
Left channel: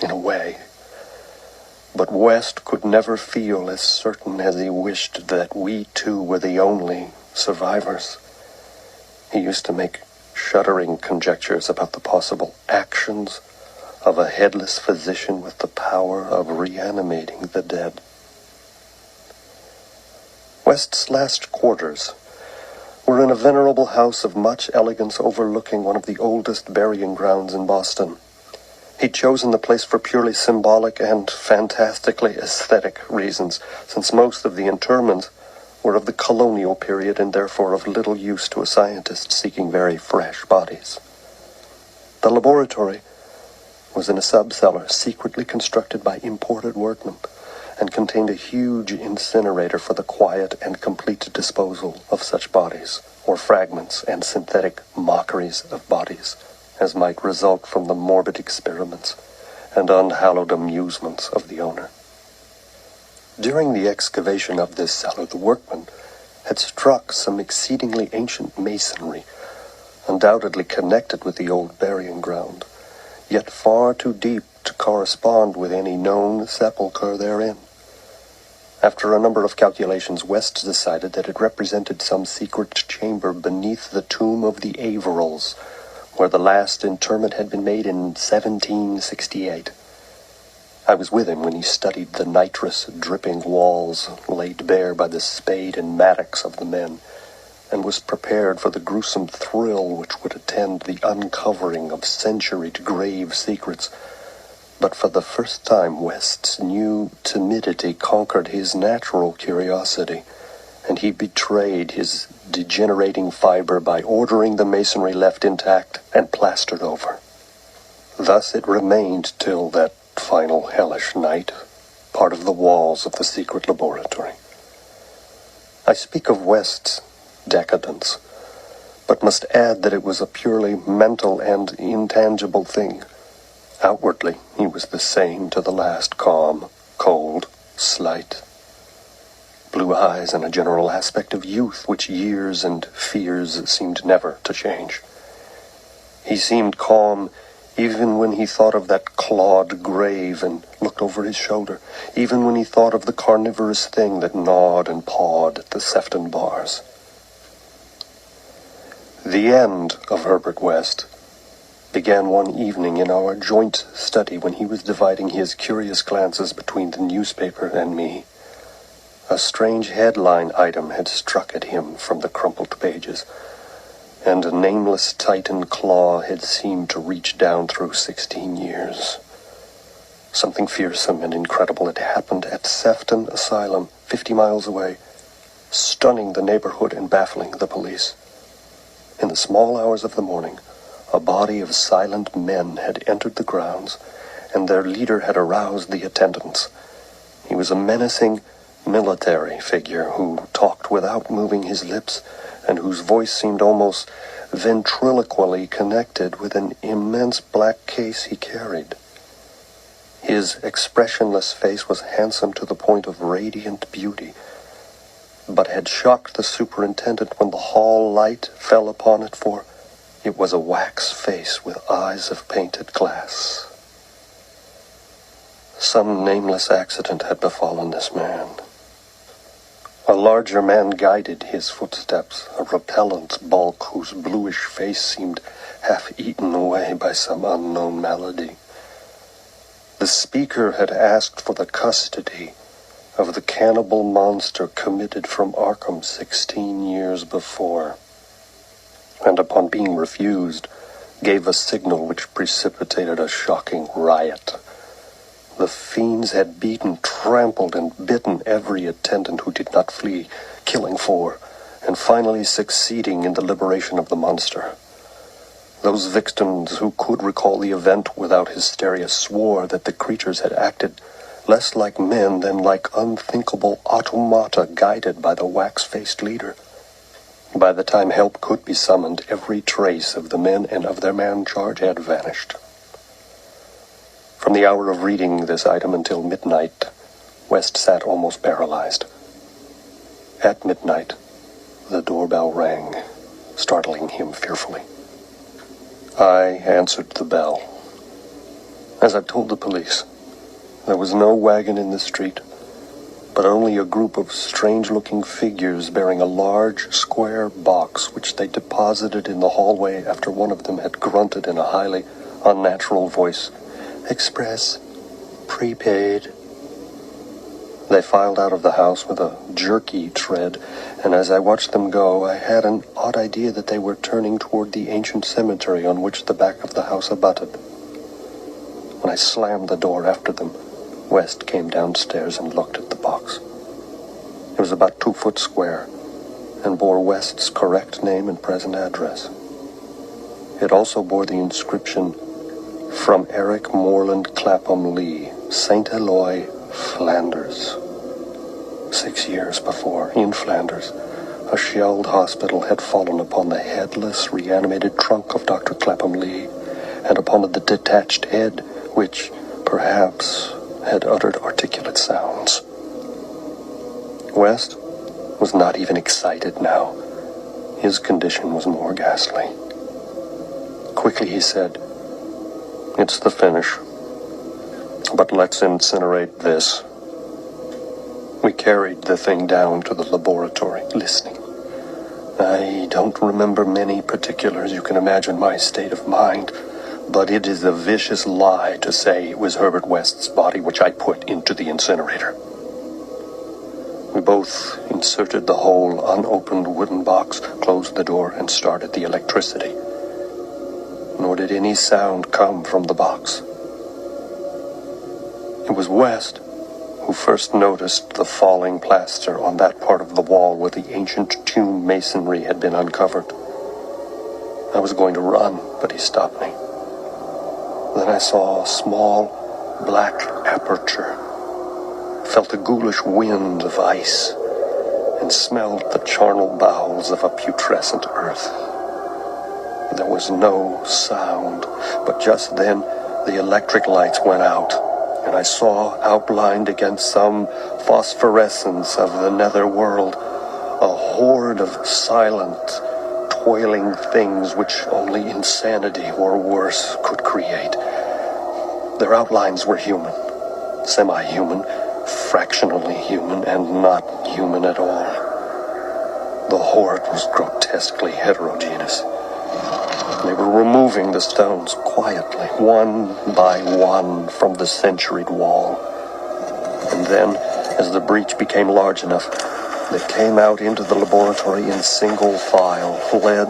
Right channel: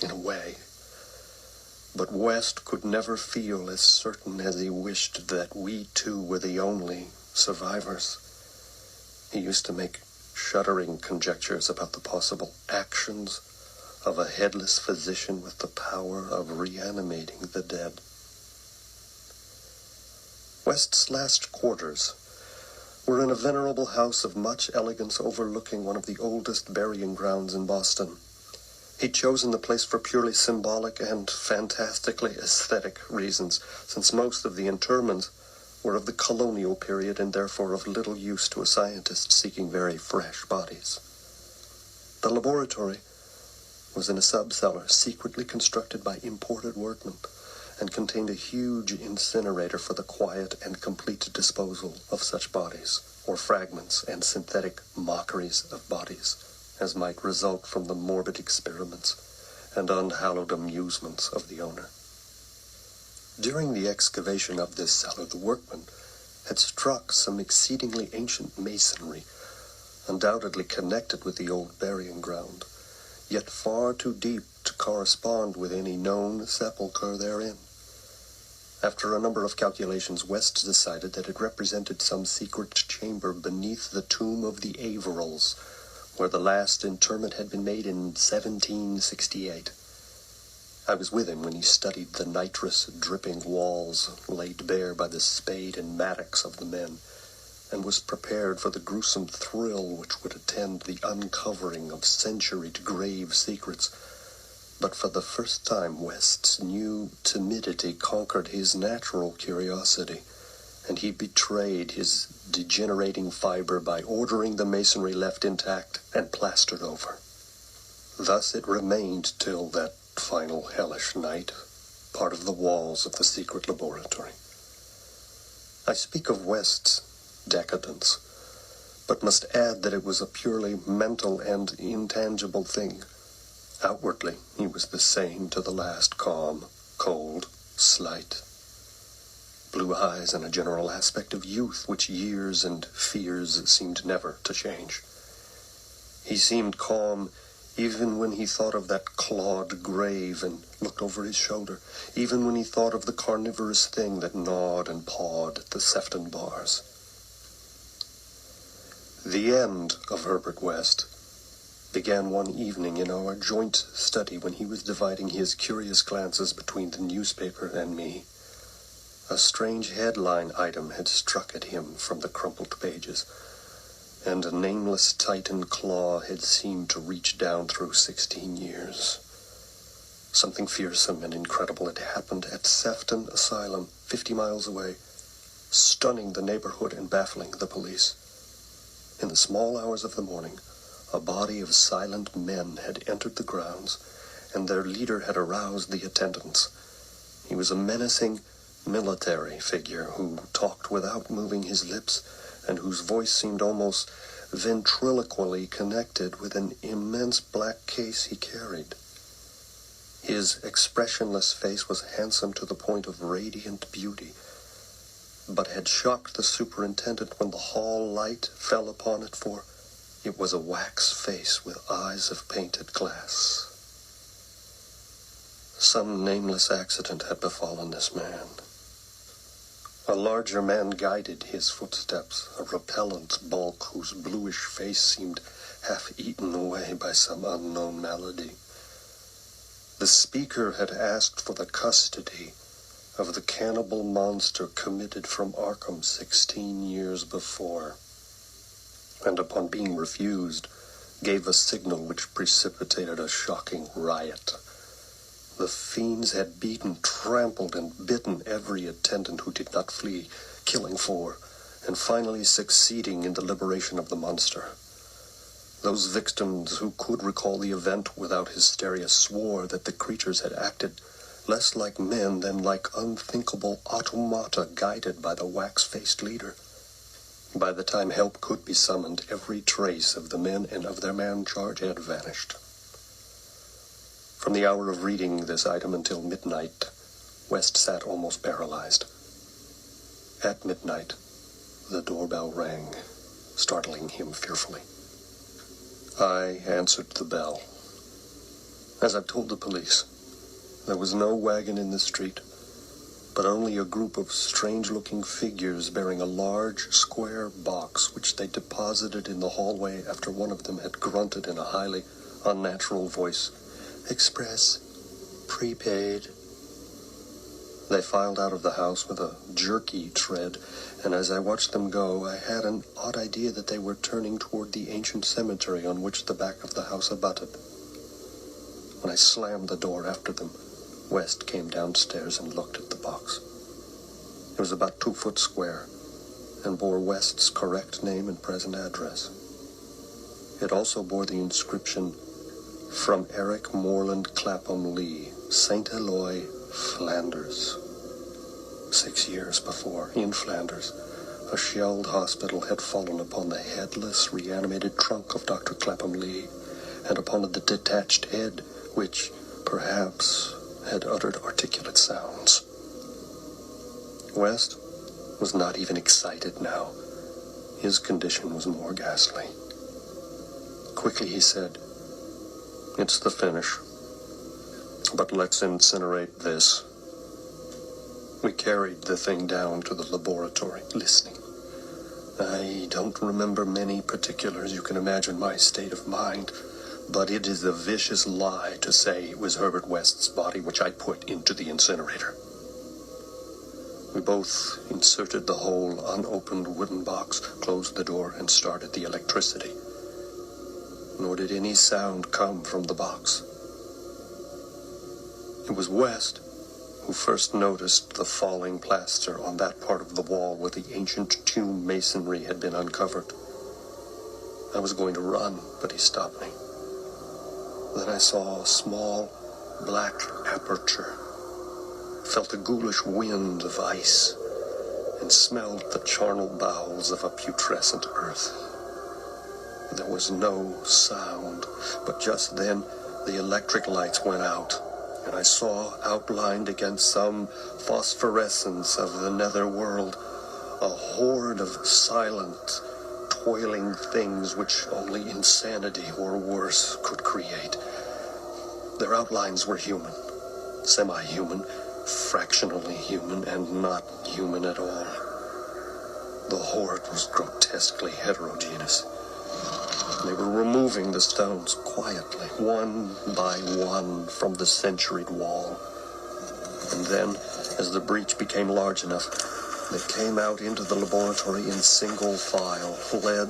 in a way, But West could never feel as certain as he wished that we two were the only survivors. He used to make shuddering conjectures about the possible actions of a headless physician with the power of reanimating the dead. West's last quarters were in a venerable house of much elegance overlooking one of the oldest burying grounds in Boston. He'd chosen the place for purely symbolic and fantastically aesthetic reasons, since most of the interments were of the colonial period and therefore of little use to a scientist seeking very fresh bodies. The laboratory was in a sub-cellar secretly constructed by imported workmen and contained a huge incinerator for the quiet and complete disposal of such bodies, or fragments and synthetic mockeries of bodies, as might result from the morbid experiments and unhallowed amusements of the owner. During the excavation of this cellar, the workmen had struck some exceedingly ancient masonry, undoubtedly connected with the old burying ground, yet far too deep to correspond with any known sepulchre therein. After a number of calculations, West decided that it represented some secret chamber beneath the tomb of the Averils, where the last interment had been made in 1768. I was with him when he studied the nitrous-dripping walls laid bare by the spade and mattocks of the men, and was prepared for the gruesome thrill which would attend the uncovering of centuried grave secrets. But for the first time, West's new timidity conquered his natural curiosity, and he betrayed his degenerating fiber by ordering the masonry left intact and plastered over. Thus it remained till that final hellish night, part of the walls of the secret laboratory. I speak of West's decadence, but must add that it was a purely mental and intangible thing. Outwardly, he was the same to the last, calm, cold, slight. Blue eyes and a general aspect of youth which years and fears seemed never to change. He seemed calm even when he thought of that clawed grave and looked over his shoulder, even when he thought of the carnivorous thing that gnawed and pawed at the Sefton bars. The end of Herbert West began one evening in our joint study when he was dividing his curious glances between the newspaper and me. A strange headline item had struck at him from the crumpled pages, and a nameless Titan claw had seemed to reach down through 16 years. Something fearsome and incredible had happened at Sefton Asylum, 50 miles away, stunning the neighborhood and baffling the police. In the small hours of the morning, a body of silent men had entered the grounds, and their leader had aroused the attendants. He was a menacing military figure who talked without moving his lips, and whose voice seemed almost ventriloquially connected with an immense black case he carried. His expressionless face was handsome to the point of radiant beauty, but had shocked the superintendent when the hall light fell upon it, for it was a wax face with eyes of painted glass. Some nameless accident had befallen this man. A larger man guided his footsteps, a repellent bulk whose bluish face seemed half eaten away by some unknown malady. The speaker had asked for the custody of the cannibal monster committed from Arkham 16 years before, and upon being refused, gave a signal which precipitated a shocking riot. The fiends had beaten, trampled, and bitten every attendant who did not flee, killing 4, and finally succeeding in the liberation of the monster. Those victims who could recall the event without hysteria swore that the creatures had acted less like men than like unthinkable automata guided by the wax-faced leader. By the time help could be summoned, every trace of the men and of their man charge had vanished. From the hour of reading this item until midnight, West sat almost paralyzed. At midnight, the doorbell rang, startling him fearfully. I answered the bell. As I've told the police, There was no wagon in the street, but only a group of strange-looking figures bearing a large, square box which they deposited in the hallway after one of them had grunted in a highly unnatural voice, "Express, prepaid." They filed out of the house with a jerky tread, and as I watched them go, I had an odd idea that they were turning toward the ancient cemetery on which the back of the house abutted. When I slammed the door after them, West came downstairs and looked at the box. It was about 2 foot square and bore West's correct name and present address. It also bore the inscription, "From Eric Moreland Clapham Lee, St. Eloi, Flanders." 6 years before, in Flanders, a shelled hospital had fallen upon the headless, reanimated trunk of Dr. Clapham Lee and upon the detached head, which, perhaps, had uttered articulate sounds. West was not even excited now. His condition was more ghastly. Quickly he said, "It's the finish. But let's incinerate this." We carried the thing down to the laboratory, listening. I don't remember many particulars. You can imagine my state of mind. But it is a vicious lie to say it was Herbert West's body which I put into the incinerator. We both inserted the whole unopened wooden box, closed the door, and started the electricity. Nor did any sound come from the box. It was West who first noticed the falling plaster on that part of the wall where the ancient tomb masonry had been uncovered. I was going to run, but he stopped me. Then I saw a small black aperture, felt a ghoulish wind of ice, and smelled the charnel bowels of a putrescent earth. There was no sound, but just then the electric lights went out, and I saw outlined against some phosphorescence of the nether world a horde of silent, toiling things which only insanity or worse could create. Their outlines were human, semi-human, fractionally human, and not human at all. The horde was grotesquely heterogeneous. They were removing the stones quietly, one by one, from the centuried wall. And then, as the breach became large enough, they came out into the laboratory in single file, led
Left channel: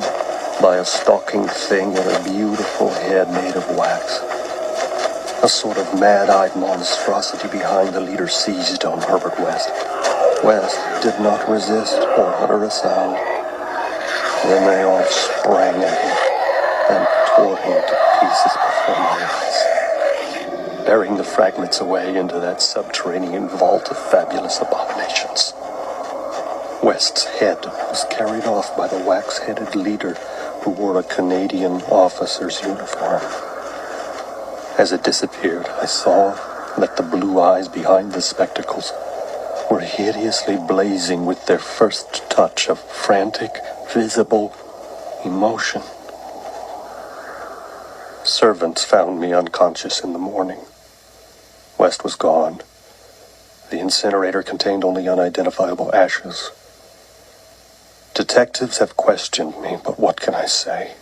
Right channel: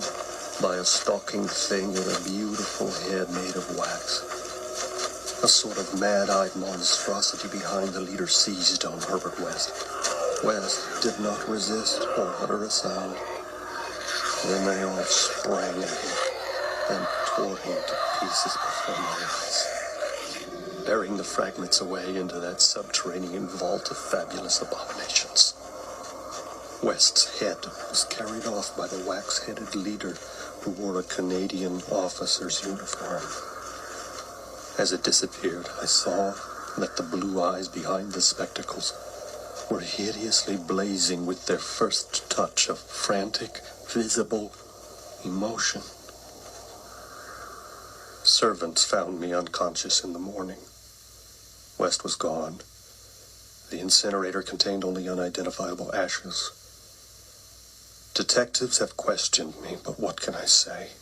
by a stalking thing with a beautiful head made of wax. A sort of mad-eyed monstrosity behind the leader seized on Herbert West. West did not resist or utter a sound. Then they all sprang at him and tore him to pieces before my eyes, bearing the fragments away into that subterranean vault of fabulous abominations. West's head was carried off by the wax-headed leader who wore a Canadian officer's uniform. As it disappeared, I saw that the blue eyes behind the spectacles were hideously blazing with their first touch of frantic, visible emotion. Servants found me unconscious in the morning. West was gone. The incinerator contained only unidentifiable ashes. Detectives have questioned me, but what can I say?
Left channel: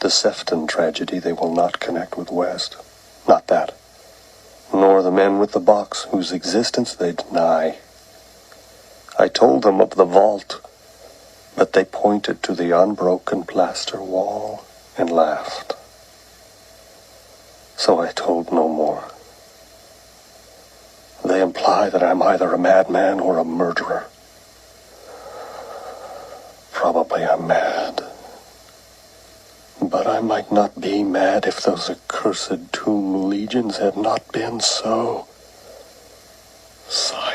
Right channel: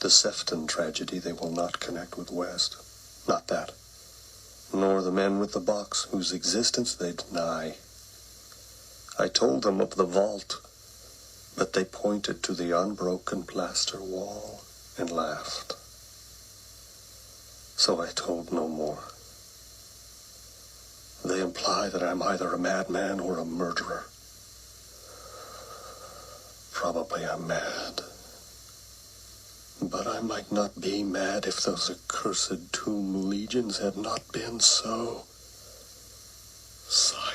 The Sefton tragedy they will not connect with West. Not that. Nor the men with the box, whose existence they deny. I told them of the vault, but they pointed to the unbroken plaster wall and laughed. So I told no more. They imply that I'm either a madman or a murderer. Probably I'm mad. But I might not be mad if those accursed tomb legions had not been so silent.